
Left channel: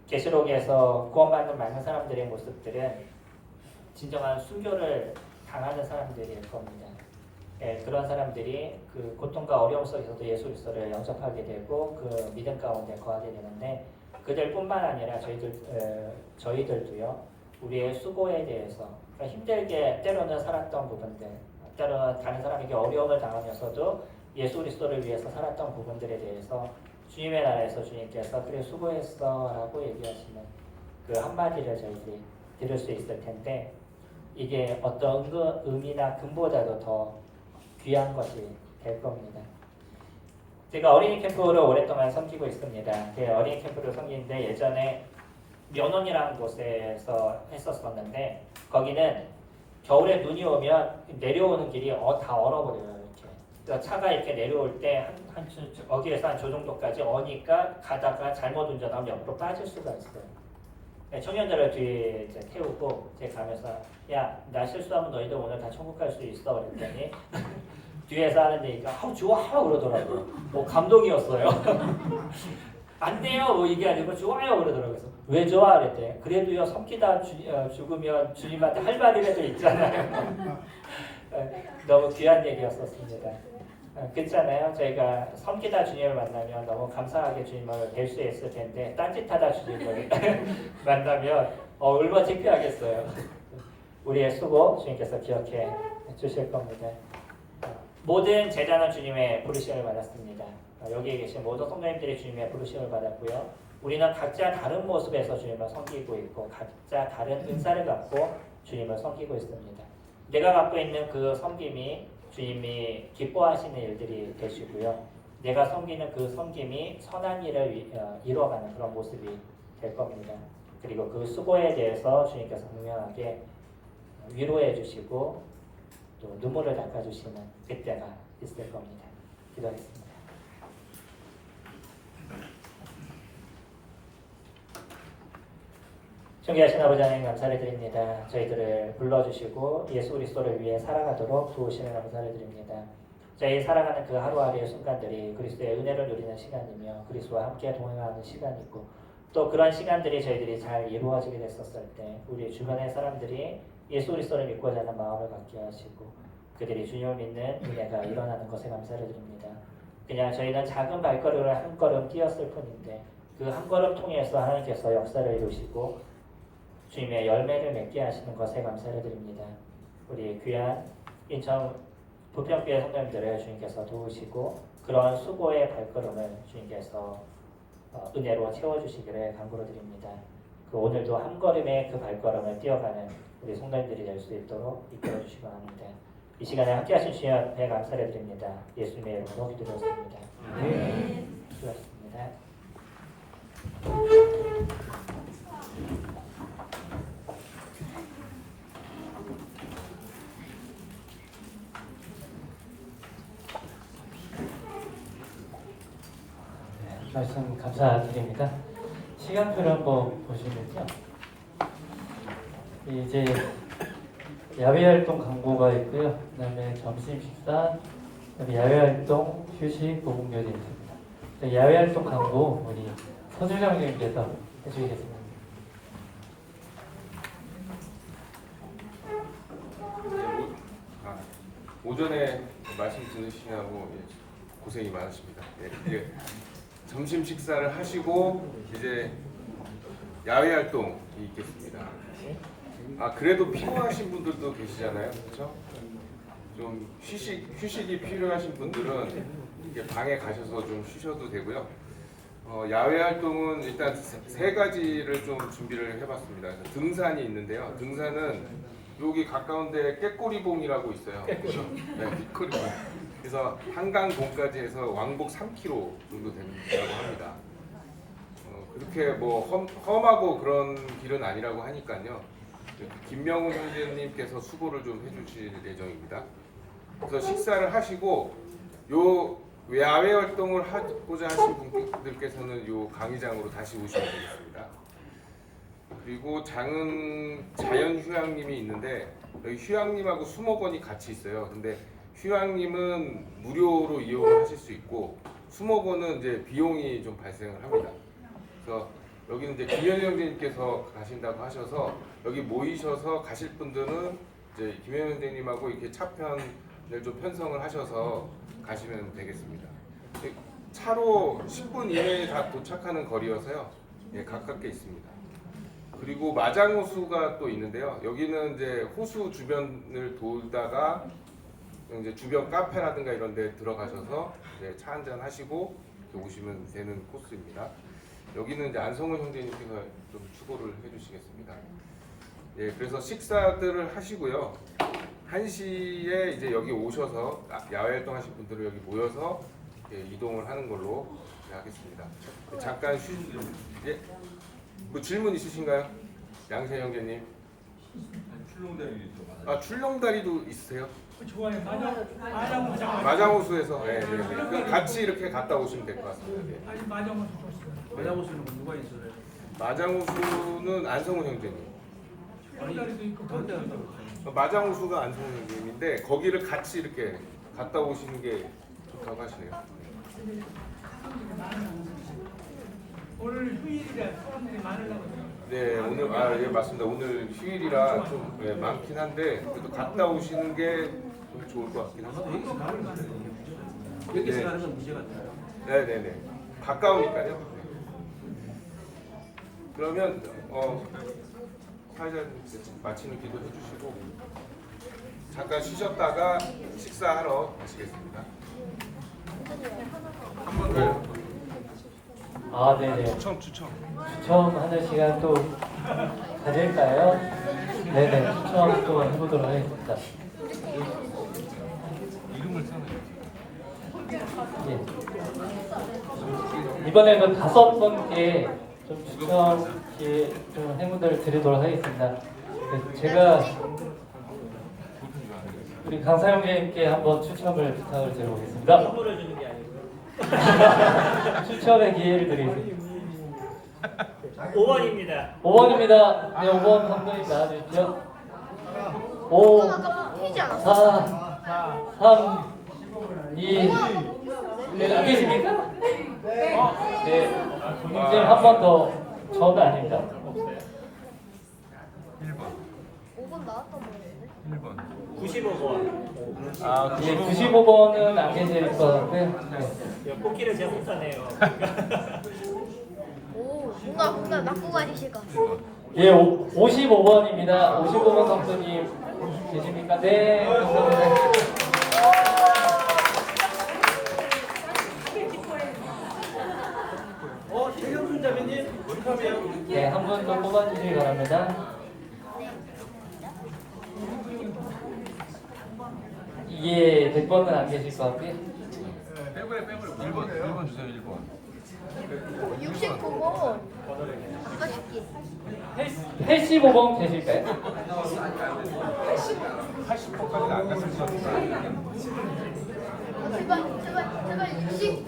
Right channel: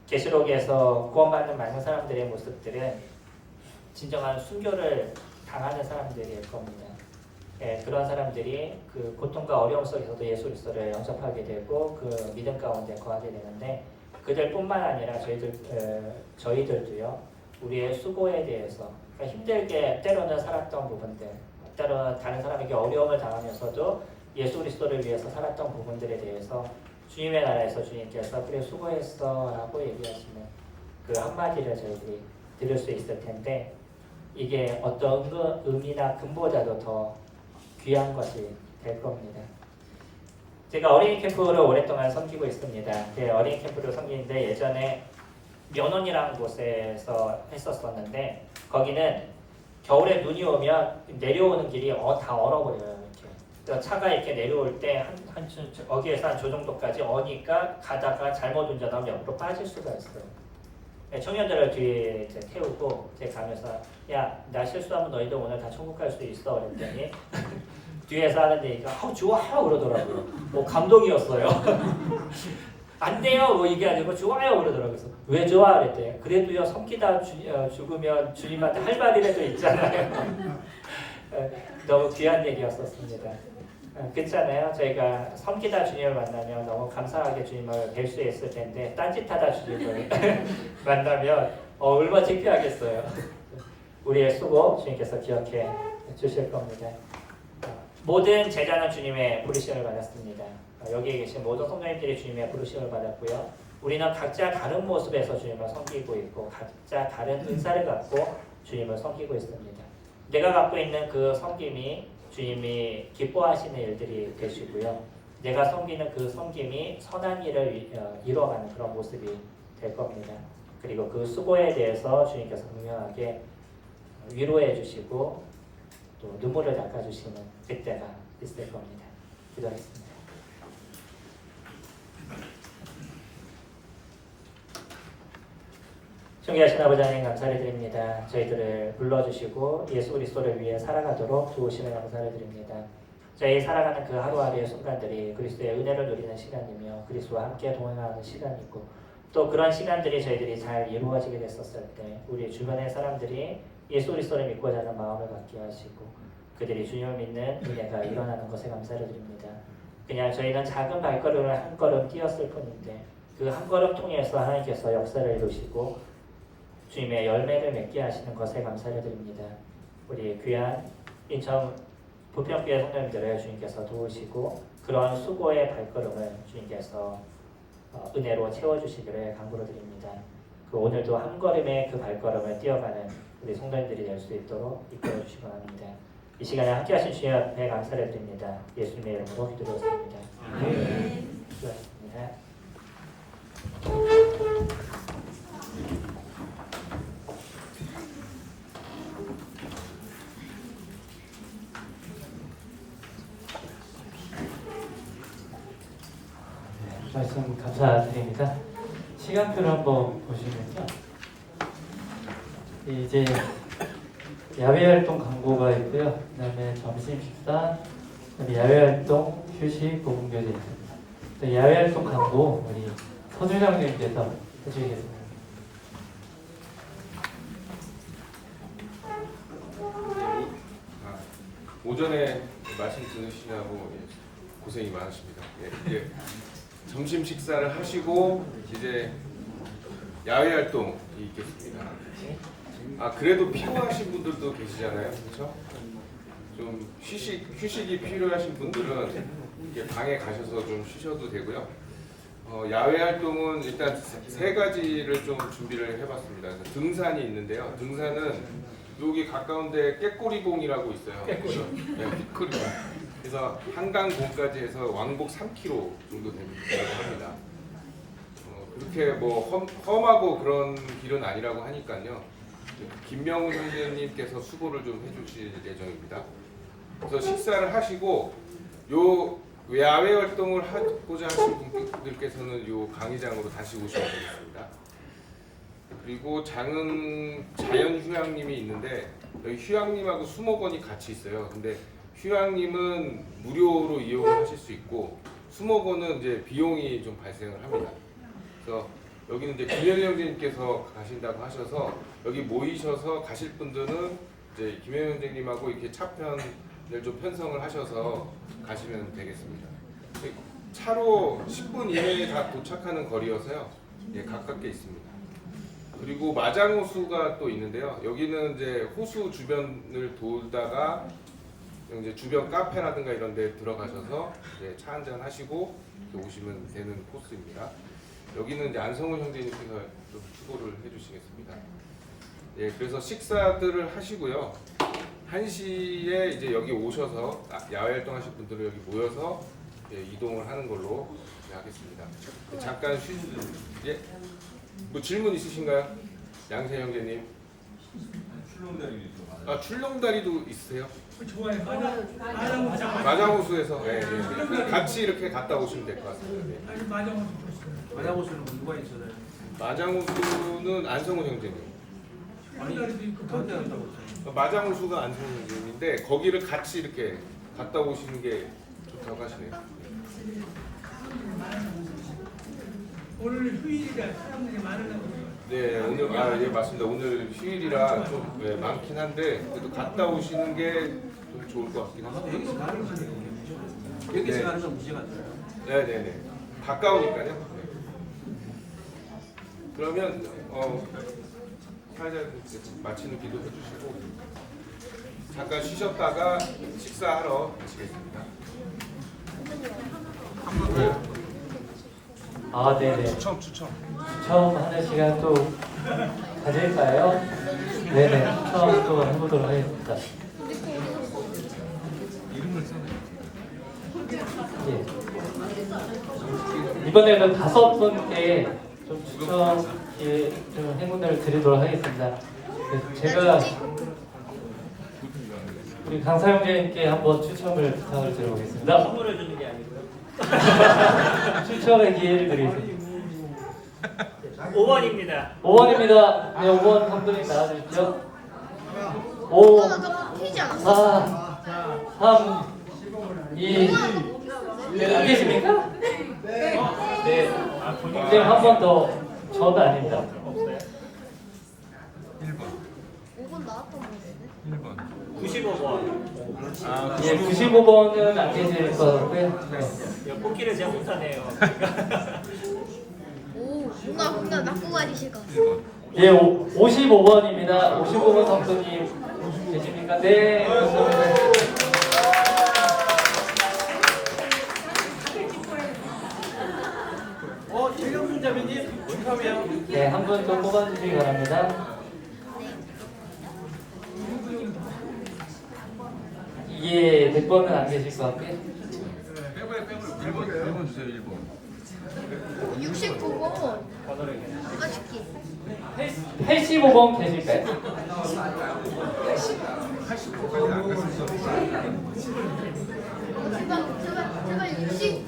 계시록에서 구원받는 많은 사람들의 모습들은 진정한 순교를 당하는 사람들일 겁니다. 그런 사람들이 그 고통과 어려움 속에서도 예수 그리스도를 영접하게 되고 그 믿음 가운데 거하게 되는데 그들뿐만 아니라 저희들도요 우리의 수고에 대해서 그러니까 힘들게 때로는 살았던 부분들, 때로는 다른 사람에게 어려움을 당하면서도 예수 그리스도를 위해서 살았던 부분들에 대해서 주님의 나라에서 주님께서 그래 수고했어 라고 얘기하시는 그 한마디를 저희들이 들을 수 있을 텐데 이게 어떤 의미나 근보다도 더 귀한 것이 될 겁니다. 제가 어린이 캠프를 오랫동안 섬기고 있습니다. 어린이 캠프를 섬기는데 예전에 면원이라는 곳에서 했었었는데 거기는 겨울에 눈이 오면 내려오는 길이 다 얼어버려요. 이렇게 차가 이렇게 내려올 때 여기에서 한 저 정도까지 어니까 가다가 잘못 운전하면 옆으로 빠질 수가 있어요. 청년들을 뒤에 이제 태우고 제가 가면서 야, 나 실수하면 너희들 오늘 다 천국 갈 수 있어 그랬더니 뒤에서 하는 얘기가 좋아요 그러더라고요. 감동이었어요. 안 돼요 이게 아니고 좋아요 그러더라고요. 그래서 왜 좋아 그랬대. 그래도요 섬기다 죽으면 주님한테 할 말이라도 있잖아요. 너무 귀한 얘기였었습니다. 그렇잖아요. 저희가 섬기다 주님을 만나면 너무 감사하게 주님을 뵐 수 있을 텐데 딴짓하다 주님을 만나면 얼마나 창피하겠어요. 우리의 수고 주님께서 기억해 주실 겁니다. 모든 제자는 주님의 부르심을 받았습니다. 여기에 계신 모든 성도님들이 주님의 부르심을 받았고요. 우리는 각자 다른 모습에서 주님을 섬기고 있고 각자 다른 은사를 갖고 주님을 섬기고 있습니다. 내가 갖고 있는 그 섬김이 주님이 기뻐하시는 일들이 되시고요. 내가 섬기는 그 섬김이 선한 일을 이뤄가는 그런 모습이 될 겁니다. 그리고 그 수고에 대해서 주님께서 분명하게 위로해 주시고 또 눈물을 닦아주시는 그때가 있을 겁니다. 기도하겠습니다. 존귀하신 아버지 하나님 감사를 드립니다. 저희들을 불러주시고 예수 그리스도를 위해 살아가도록 도우심에 감사를 드립니다. 저희 살아가는 그 하루하루의 순간들이 그리스도의 은혜를 누리는 시간이며 그리스도와 함께 동행하는 시간이고 또 그런 시간들이 저희들이 잘 이루어지게 됐었을 때 우리 주변의 사람들이 예수 그리스도를 믿고자 하는 마음을 갖게 하시고 그들이 주님을 믿는 은혜가 일어나는 것에 감사를 드립니다. 그냥 저희는 작은 발걸음을 한 걸음 뛰었을 뿐인데 그 한 걸음 통해서 하나님께서 역사를 이루시고 주님의 열매를 맺게 하시는 것에 감사를 드립니다. 우리 귀한 인천 부평교회 성도님들을 주님께서 도우시고 그런 수고의 발걸음을 주님께서 은혜로 채워주시기를 간구로 드립니다. 그 오늘도 한 걸음의 그 발걸음을 뛰어가는 우리 성도님들이 될 수 있도록 이끌어 주시기 바랍니다. 이 시간에 함께 하신 주님 앞에 감사를 드립니다. 예수님의 이름으로 기도드렸습니다. 수고하셨습니다. 말씀 감사드립니다. 시간표를 한번 보시면요. 이제 야외활동 광고가 있고요. 그 다음에 점심 식사, 그다음에 야외활동 휴식 보건교대 있습니다. 야외활동 광고 우리 서주장님께서 해주시겠습니다. 오전에 말씀 들으시냐고 고생이 많으십니다. 이제 점심 식사를 하시고 이제 야외 활동이 있겠습니다. 그래도 피곤하신 분들도 계시잖아요, 그렇죠? 좀 휴식이 필요하신 분들은 이렇게 방에 가셔서 좀 쉬셔도 되고요. 야외 활동은 일단 세 가지를 좀 준비를 해봤습니다. 등산이 있는데요. 등산은 여기 가까운데 깨꼬리봉이라고 있어요. 깨꼬리봉. 그래서 한강봉까지 해서 왕복 3km 정도 된다고 합니다. 그렇게 뭐 험하고 그런 길은 아니라고 하니까요. 김명훈 형제님께서 수고를 좀 해주실 예정입니다. 그래서 식사를 하시고 요 야외 활동을 하고자 하신 분들께서는 요 강의장으로 다시 오시면 되겠습니다. 그리고 자연휴양림이 있는데 여기 휴양림하고 수목원이 같이 있어요. 근데 휴양림은 무료로 이용을 하실 수 있고 수목원은 이제 비용이 좀 발생을 합니다. 그래서 여기는 이제 김현희 형제님께서 가신다고 하셔서 여기 모이셔서 가실 분들은 이제 김현희 형제님하고 이렇게 차편을 좀 편성을 하셔서 가시면 되겠습니다. 차로 10분 이내에 다 도착하는 거리여서요. 가깝게 있습니다. 그리고 마장호수가 또 있는데요. 여기는 이제 호수 주변을 돌다가 이제 주변 카페라든가 이런 데 들어가셔서 이제 차 한잔 하시고 오시면 되는 코스입니다. 여기는 이제 안성훈 형제님께서 좀 수고를 해주시겠습니다. 그래서 식사들을 하시고요. 1시에 이제 여기 오셔서 야외 활동하실 분들은 여기 모여서 이동을 하는 걸로 하겠습니다. 잠깐 뭐 질문 있으신가요? 양세 형제님. 출렁다리도 있으세요? 좋아요. 마장호수에서 같이 이렇게 갔다 오시면 될 것 같습니다. 아니 마장호수 없어요. 마장호수는 누가 있어요? 마장호수는 안성훈 형제님. 출렁다리도 있고 그것도 마장호수가 안성훈 형제님인데 거기를 같이 이렇게 갔다 오시는 게 좋다고 하시네요. 오늘 휴일이라 사람들이 많으려고. 네, 오늘 맞습니다. 오늘 휴일이라 좀 많긴 한데 그래도 갔다 오시는 게 좀 좋을 것 같긴 합니다. 여기서 가는 건 문제가 안 돼요. 네네네. 가까우니까요. 네. 그러면 사회자님께서 마치는 기도 해주시고 잠깐 쉬셨다가 식사하러 가시겠습니다. 한 번 더요. 아, 네네. 추첨. 추첨하는 시간 또 가질까요? 네네. 추첨 또 해보도록 하겠습니다. 예. 이번에는 5분께 좀 추첨 좀 행운을 드리도록 하겠습니다. 네, 제가 우리 강사형제님께 한번 추첨을 부탁을 드려보겠습니다. 선물을 주는 게 아니고요. 추첨의 기회를 드리겠습니다. 5번입니다. 5번입니다. 네, 5번 감독님 나와주십시오. 5, 4, 3, 2, 네, 안 계십니까? 네, 이제 한 번 더. 저는 아닙니다. 1번. 95번. 예, 95번은 안 계실 것 같고요. 네. 코끼리 제가 못하네요. 뭔가 낚고 가지실 것 같아요. 예, 55번입니다. 55번 감독님 계십니까? 네, 감사합니다. 최경준자매님 축하해요. 네, 한 분 좀 뽑아주시기 바랍니다. 예, 100번은 안 계실 것 같고요. 빼버려. 1번 주세요. 1번. 69번. 아까 줄게. 85번 계실까요? 80번까지 안 갔을 것 같아요. 제발 69.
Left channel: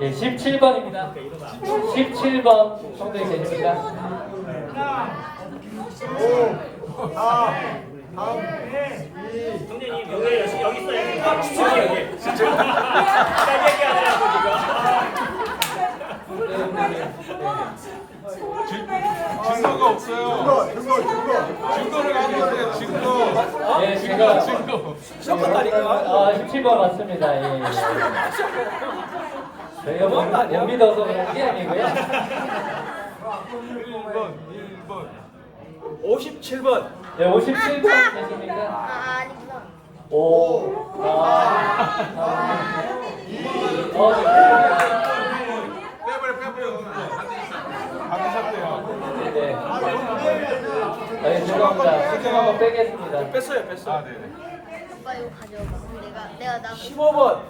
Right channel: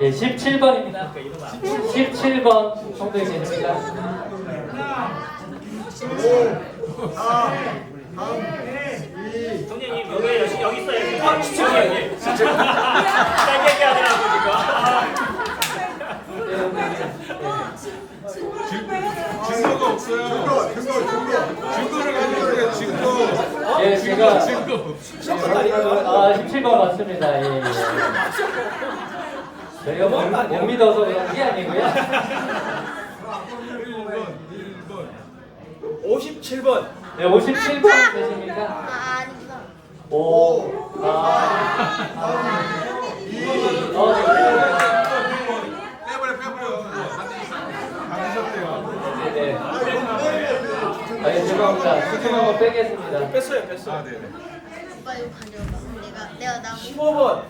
예, 17번입니다. 17번 정도에 계십니까? 동현님 여기 있어요. 진짜. 증거가 없어요. 증거를 가져오세요. 증거. 예, 제가 17번 맞습니다. 예, 예. 저희가 못 믿어서 그런 게 아니고요. 57번. 네, 57번 되십니까? 아니요. 5, 4, 3, 빼버려. 받으셨대요. 네네. 네, 죄송합니다. 수청 한번 빼겠습니다. 뺐어요. 아, 네네. 내가 나 15번.